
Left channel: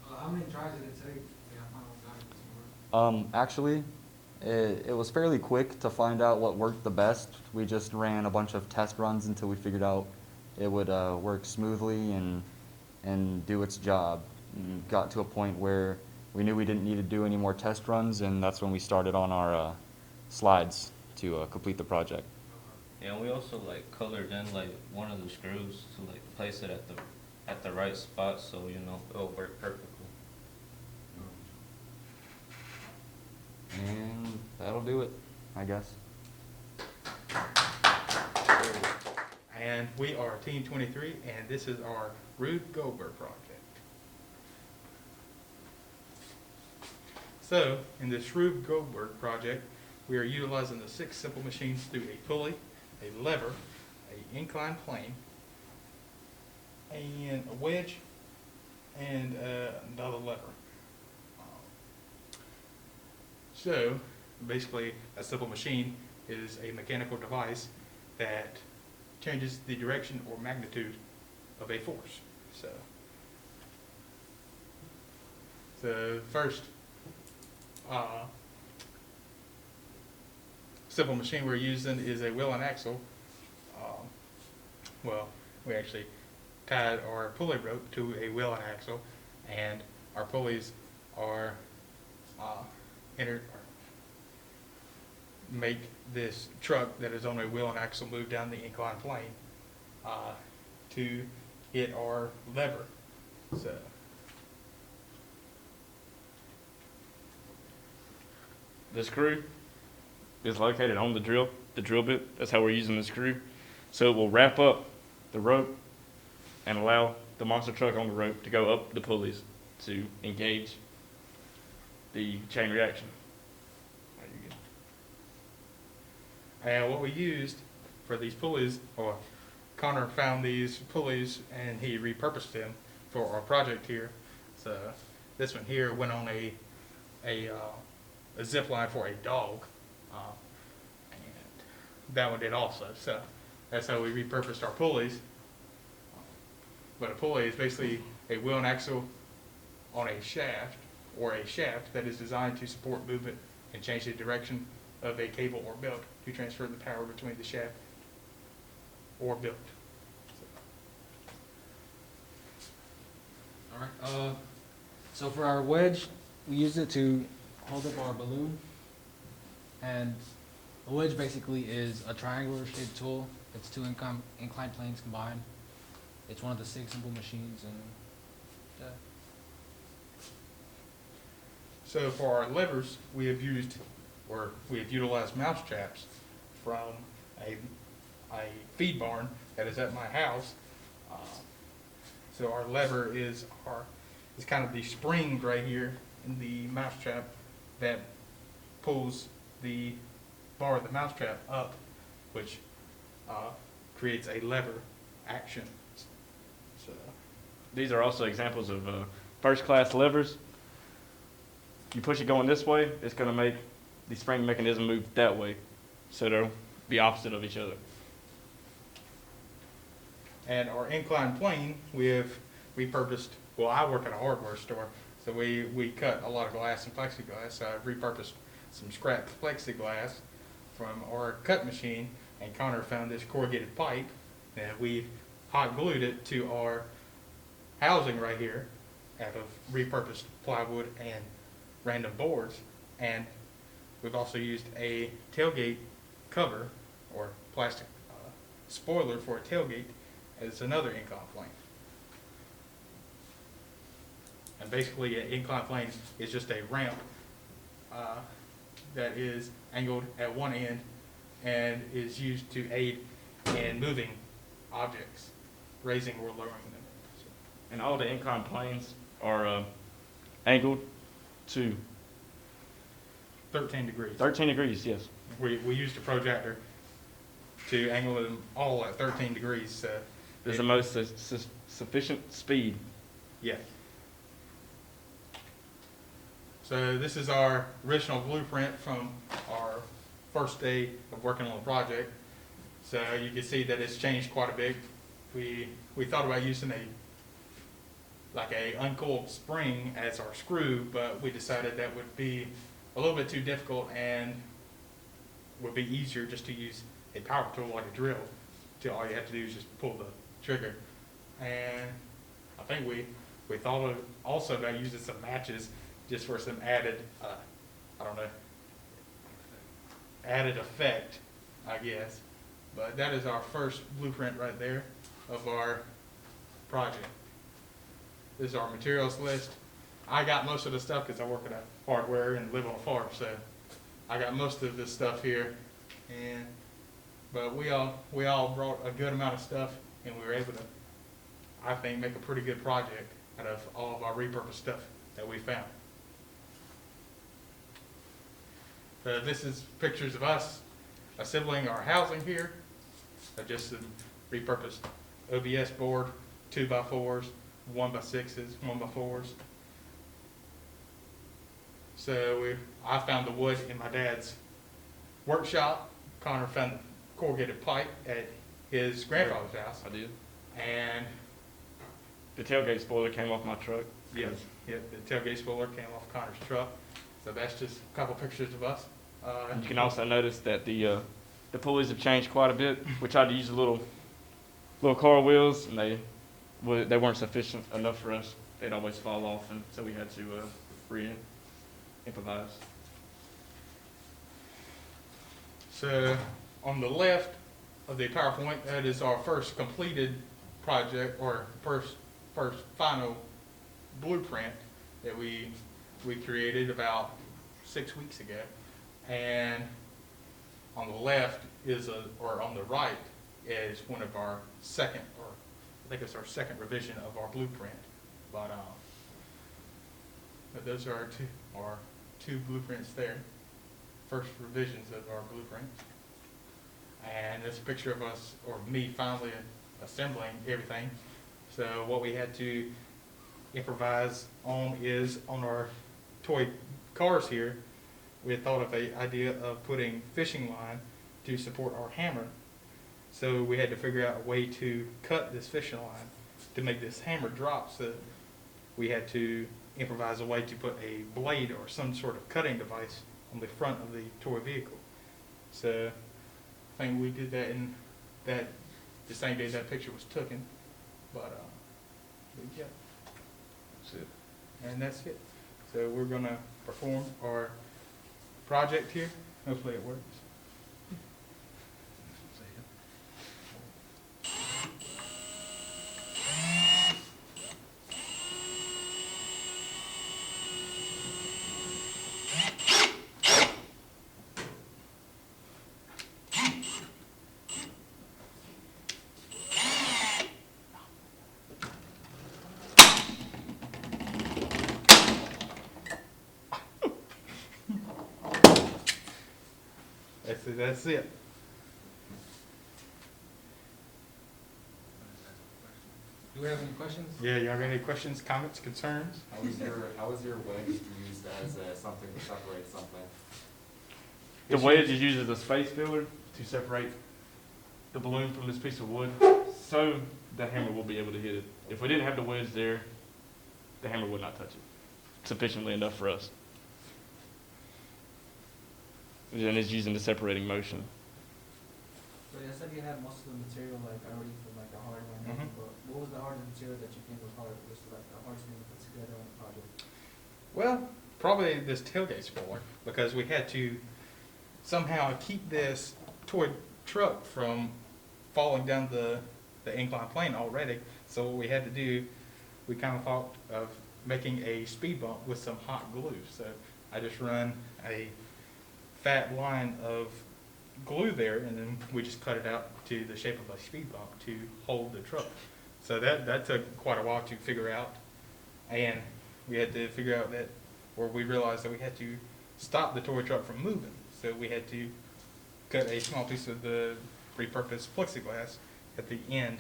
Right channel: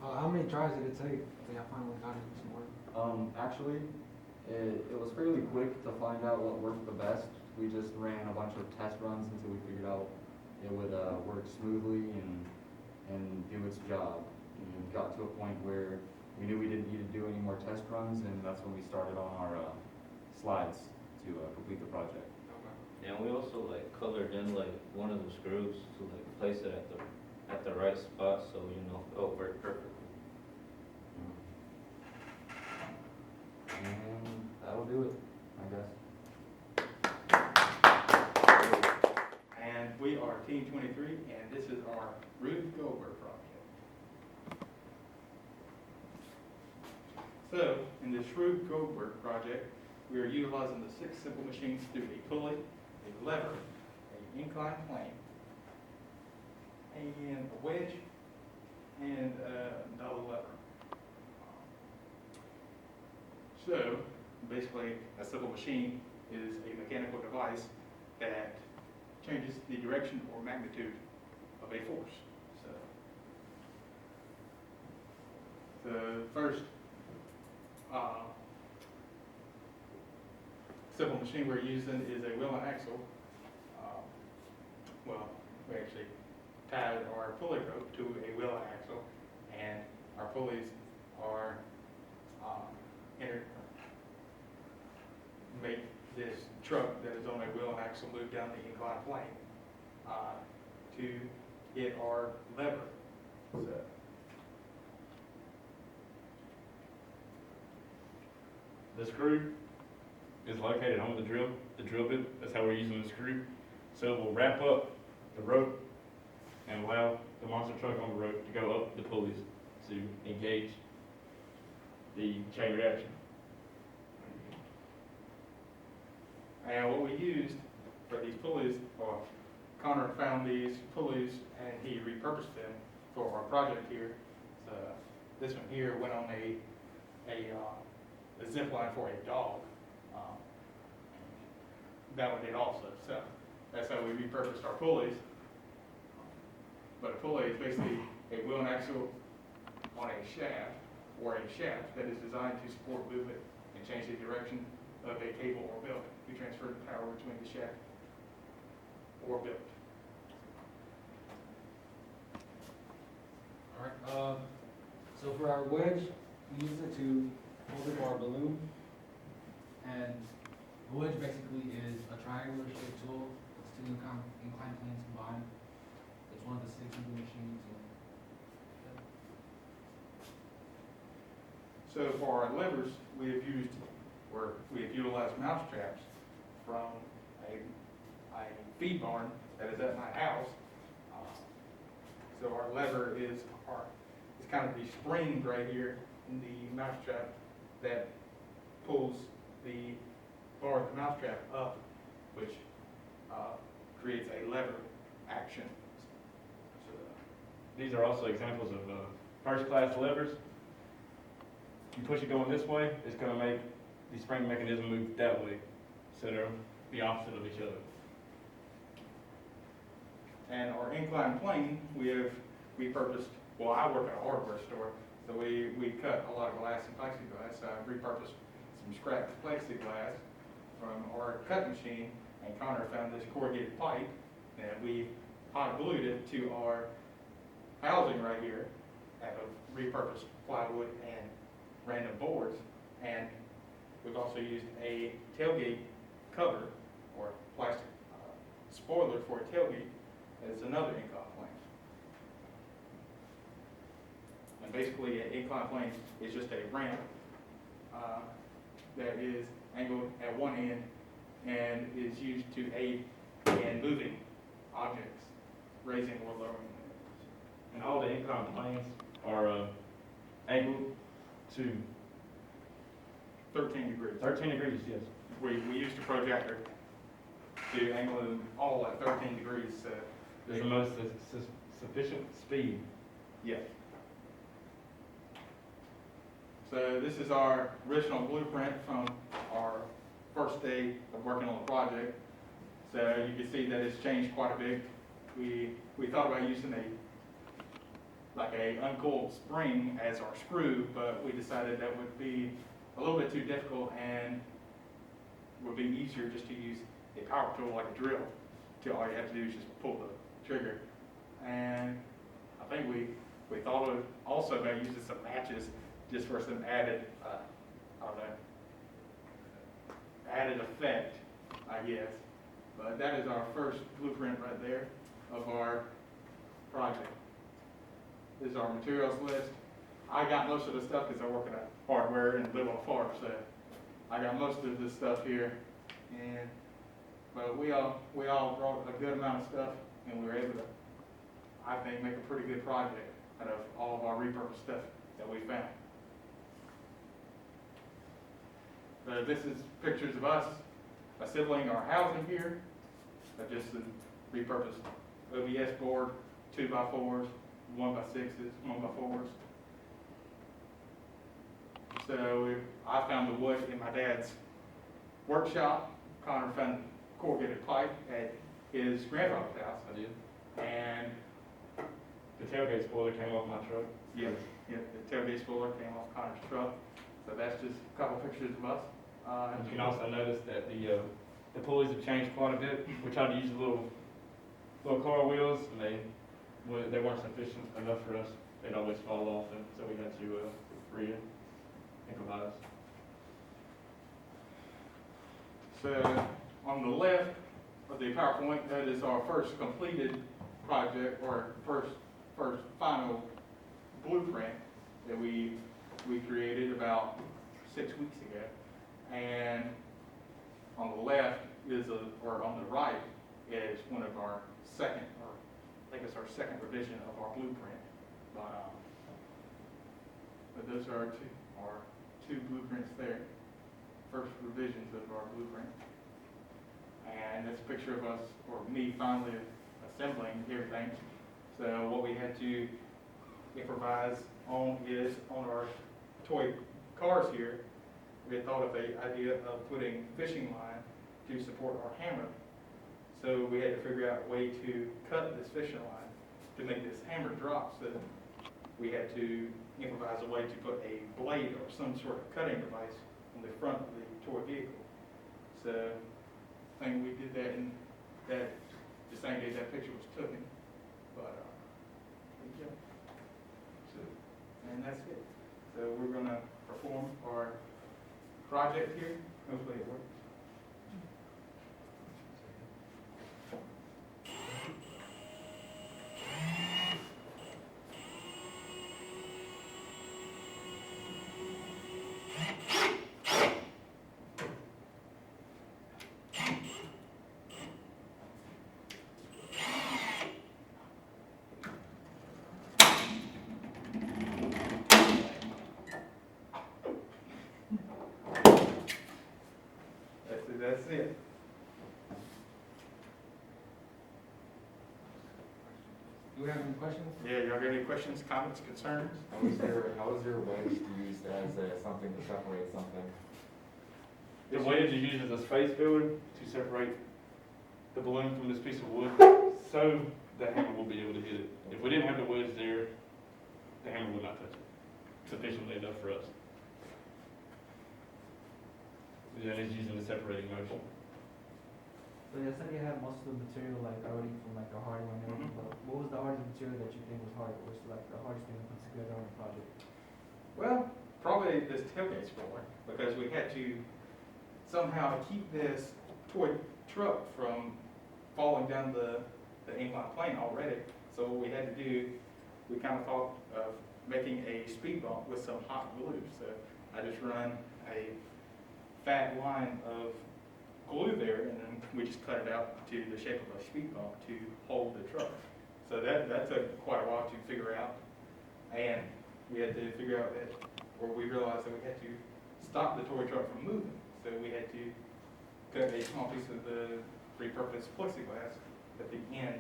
How many tries did it take? Yeah, I finally got it this morning. Actually, it was fairly quick to find out what worked the best. We just ran a bunch of test runs until we figured out it would work smoothly and do its job. And got to a point where we knew we didn't need to do any more test runs, and that's when we started on our slides to complete the project. Yeah, and we also like colored in like one of the screws to like place it at the right spot, so you know it'll work perfectly. And that'll do it, I guess. And we are Team 23, and this is our Rube Goldberg project. So, in this Rube Goldberg project, we are utilizing the 6 simple machines to do a pulley, a lever, an inclined plane, and a wedge, and another lever. So, basically, a simple machine is a mechanical device that changes the direction or magnitude of a force. So first simple machine we're using is a wheel and axle. Well, we actually tied our pulley rope to a wheel and axle, and our pulleys are make this truck that is on a wheel and axle move down the inclined plane to hit our lever. So the screw is located on the drill bit. That's how we're using the screw. So it will wrap up the rope and allow the monster truck on the rope to go up the pulleys to engage the chain reaction. And what we used for these pulleys, or Connor found these pulleys and he repurposed them for our project here. So this one here went on a zip line for a dog. And that one did also. So that's how we repurposed our pulleys. But a pulley is basically a wheel and axle on a shaft, or a shaft that is designed to support movement and change the direction of a cable or belt to transfer the power between the shaft or belt. All right. So for our wedge, we use it to hold up our balloon, and a wedge basically is a triangular shaped tool. It's 2 inclined planes combined. It's one of the 6 simple machines, and So for our levers, we have utilized mouse traps from a feed barn that is at my house. So our lever is kind of the spring right here in the mouse trap that pulls the bar of the mouse trap up, which creates a lever action. So These are also examples of first-class levers. You push it going this way, it's going to make the spring mechanism move that way. so they'll be opposite of each other. And our inclined plane, we have repurposed, well, I work at a hardware store, so we cut a lot of glass and plexiglass. So I repurposed some scrap plexiglass from our cut machine, and Connor found this corrugated pipe, and we hot glued it to our housing right here out of repurposed plywood and random boards. And we've also used a tailgate cover or plastic spoiler for a tailgate as another incline plane. And basically, an incline plane is just a ramp that is angled at one end and is used to aid in moving objects, raising or lowering them. And all the incline planes are angled to 13 degrees. 13 degrees, yes. We used a projector to angle them all at 13 degrees. So There's the most sufficient speed. yeah. So this is our original blueprint from our first day of working on the project. So you can see that it's changed quite a bit. We thought about using like a uncoiled spring as our screw, but we decided that would be a little bit too difficult and would be easier just to use a power tool like a drill. Till all you have to do is just pull the trigger. And I think we thought of also about using some matches just for some added, I don't know, added effect, I guess. But that is our first blueprint right there of our project. This is our materials list. I got most of the stuff because I work in a hardware and live on a farm, so I got most of this stuff here. But we all brought a good amount of stuff, and we were able to, I think, make a pretty good project out of all of our repurposed stuff that we found. This is pictures of us assembling our housing here. Just a repurposed OBS board, 2x4s, 1x6s, 1x4s. So I found the wood in my dad's workshop. Connor found the corrugated pipe at his grandfather's house. I did. And The tailgate spoiler came off my truck. yeah, the tailgate spoiler came off Connor's truck. So that's just a couple pictures of us. You can also notice that the pulleys have changed quite a bit. We tried to use the little car wheels, and they weren't sufficient enough for us. They'd always fall off, and so we had to improvise. So on the left of the PowerPoint, that is our first completed project, or first final blueprint that we created about 6 weeks ago. And on the left or on the right is one of our second, or I think it's our second revision of our blueprint. But those are our two blueprints there. First revisions of our blueprint. And this picture of us, or me, finally assembling everything. So what we had to improvise on is on our toy cars here, we had thought of an idea of putting fishing line to support our hammer. So we had to figure out a way to cut this fishing line to make this hammer drop. So we had to improvise a way to put a blade or some sort of cutting device on the front of the toy vehicle. So I think we did that in the same day that picture was taken. But yeah, That's it. and that's it. So we're gonna perform our project here. Hopefully it works. That's it. Do we have any questions? Yeah, y'all got any questions, comments, concerns? How was your wedge used as something to separate something? The wedge is used as a space filler to separate the balloon from this piece of wood, so the hammer will be able to hit it. If we didn't have the wedge there, the hammer would not touch it sufficiently enough for us. And it's using the separating motion. So you said you had most of the material like already from like the hardware and everything, but what was the hardest material that you think was hard? Was like the hardest thing to put together on the project? Well, probably this tailgate spoiler, because we had to somehow keep this toy truck from falling down the incline plane already. So what we had to do, we kind of thought of making a speed bump with some hot glue. So I just run a fat line of glue there, and then we just cut it out to the shape of a speed bump to hold the truck. So that took quite a while to figure out, and we had to figure out that, or we realized that we had to stop the toy truck from moving. So we had to cut a small piece of the repurposed plexiglass at the end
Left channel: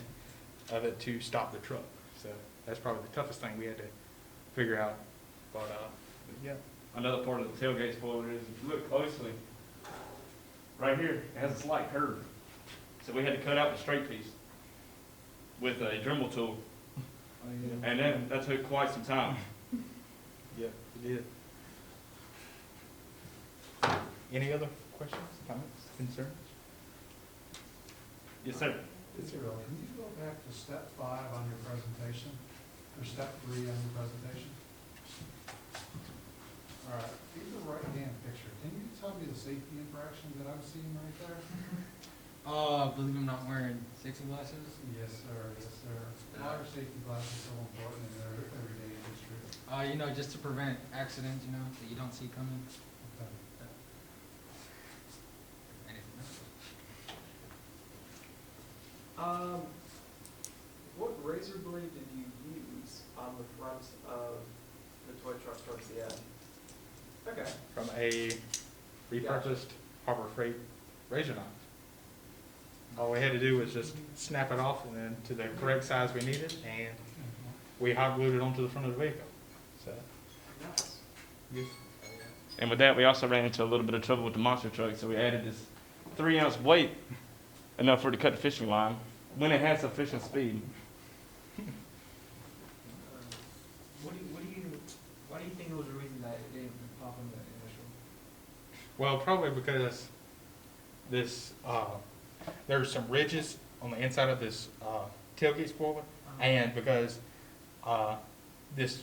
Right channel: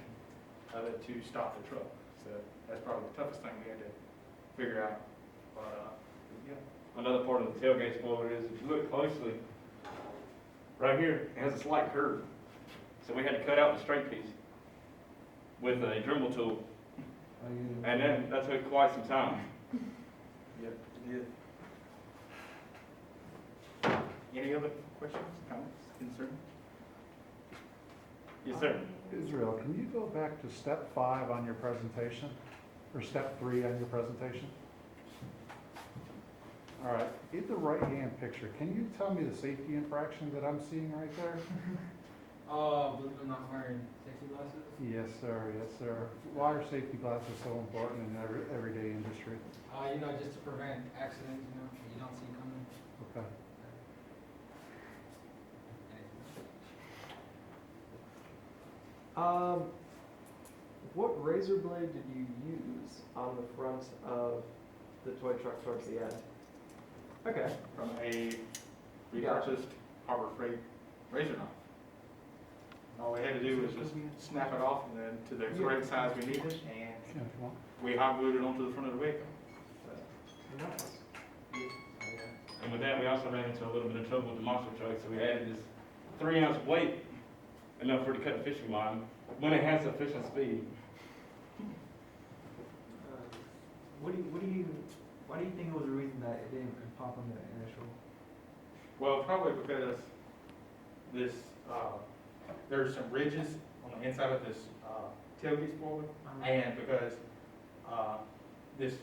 of it to stop the truck. So that's probably the toughest thing we had to figure out. But yeah. Another part of the tailgate spoiler is, if you look closely, right here, it has a slight curve. So we had to cut out the straight piece with a Dremel tool, and then that took quite some time. Yeah, it did. Any other questions, comments, concerns? Yes, sir. Israel, can you go back to step 5 on your presentation, or step 3 on your presentation? All right, in the right-hand picture, can you tell me the safety infraction that I'm seeing right there? Believe I'm not wearing safety glasses? Yes, sir, yes, sir. Why are safety glasses so important in everyday industry? Just to prevent accidents, that you don't see coming. Okay. What razor blade did you use on the front of the toy truck towards the end? Okay. From a repurposed Harbor Freight razor knife. All we had to do was just snap it off and then to the correct size we needed, and we hot glued it onto the front of the vehicle. So. Nice. And with that, we also ran into a little bit of trouble with the monster truck, so we added this 3-ounce weight, enough for it to cut the fishing line, when it had sufficient speed. Why do you think it was the reason that it didn't pop in the initial? Well, probably because this, there's some ridges on the inside of this tailgate spoiler, and because this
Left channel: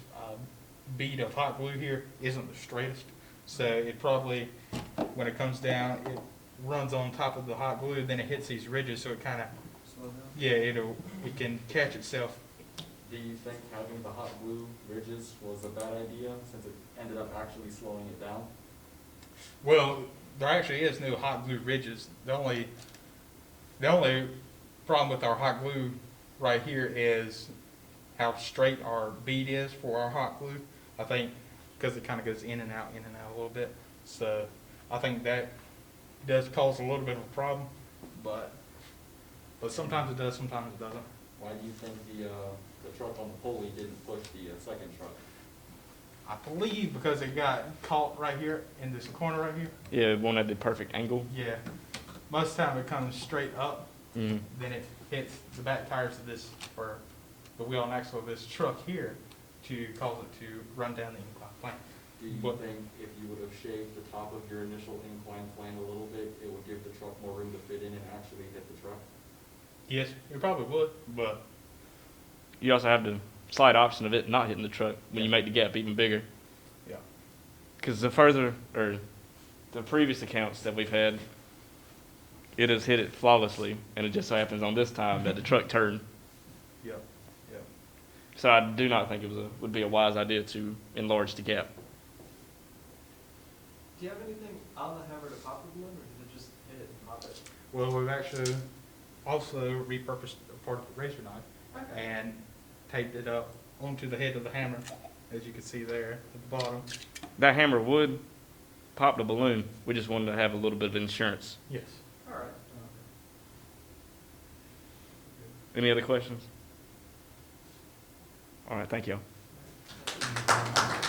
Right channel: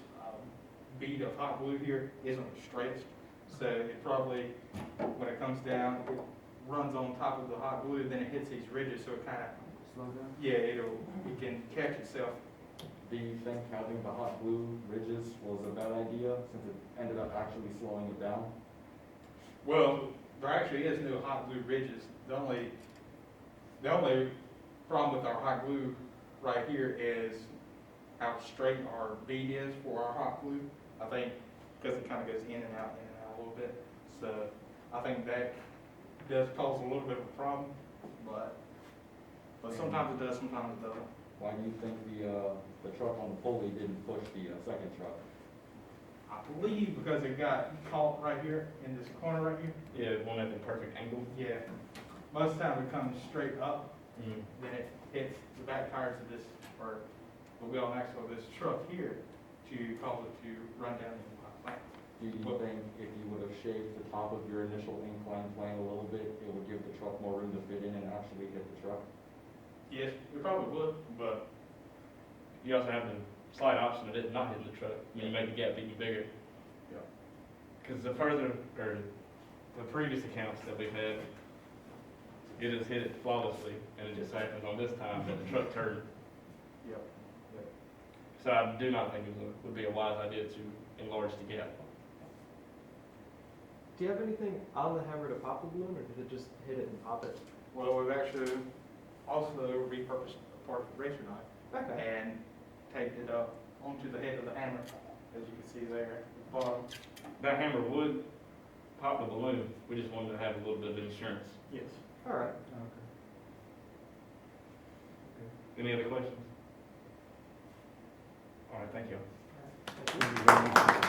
bead of hot glue here isn't the straightest, so it probably, when it comes down, it runs on top of the hot glue, then it hits these ridges, so it kind of, Slow down? yeah, it can catch itself. Do you think having the hot glue ridges was a bad idea, since it ended up actually slowing it down? Well, there actually is no hot glue ridges. The only problem with our hot glue right here is how straight our bead is for our hot glue. I think because it kind of goes in and out a little bit. So I think that does cause a little bit of a problem, but sometimes it does, sometimes it doesn't. Why do you think the truck on the pulley didn't push the second truck? I believe because it got caught right here in this corner right here. Yeah, one at the perfect angle. Yeah. Most of the time it comes straight up, Mm. then it hits the back tires of this, or the wheel and axle of this truck here to cause it to run down the incline plane. Do you But- think if you would have shaved the top of your initial incline plane a little bit, it would give the truck more room to fit in and actually hit the truck? Yes, it probably would, but You also have the slight option of it not hitting the truck when you make the gap even bigger. yeah. Because the previous accounts that we've had, it has hit it flawlessly, and it just so happens on this time that the truck turned. Yeah. Yeah. So I do not think it would be a wise idea to enlarge the gap. Do you have anything on the hammer to pop the balloon, or did it just hit it and pop it? Well, we've actually also repurposed a part of the razor knife Okay. and taped it up onto the head of the hammer, as you can see there at the bottom. That hammer would pop the balloon. We just wanted to have a little bit of insurance. Yes. All right. Any other questions? All right, thank you. Thank you very much.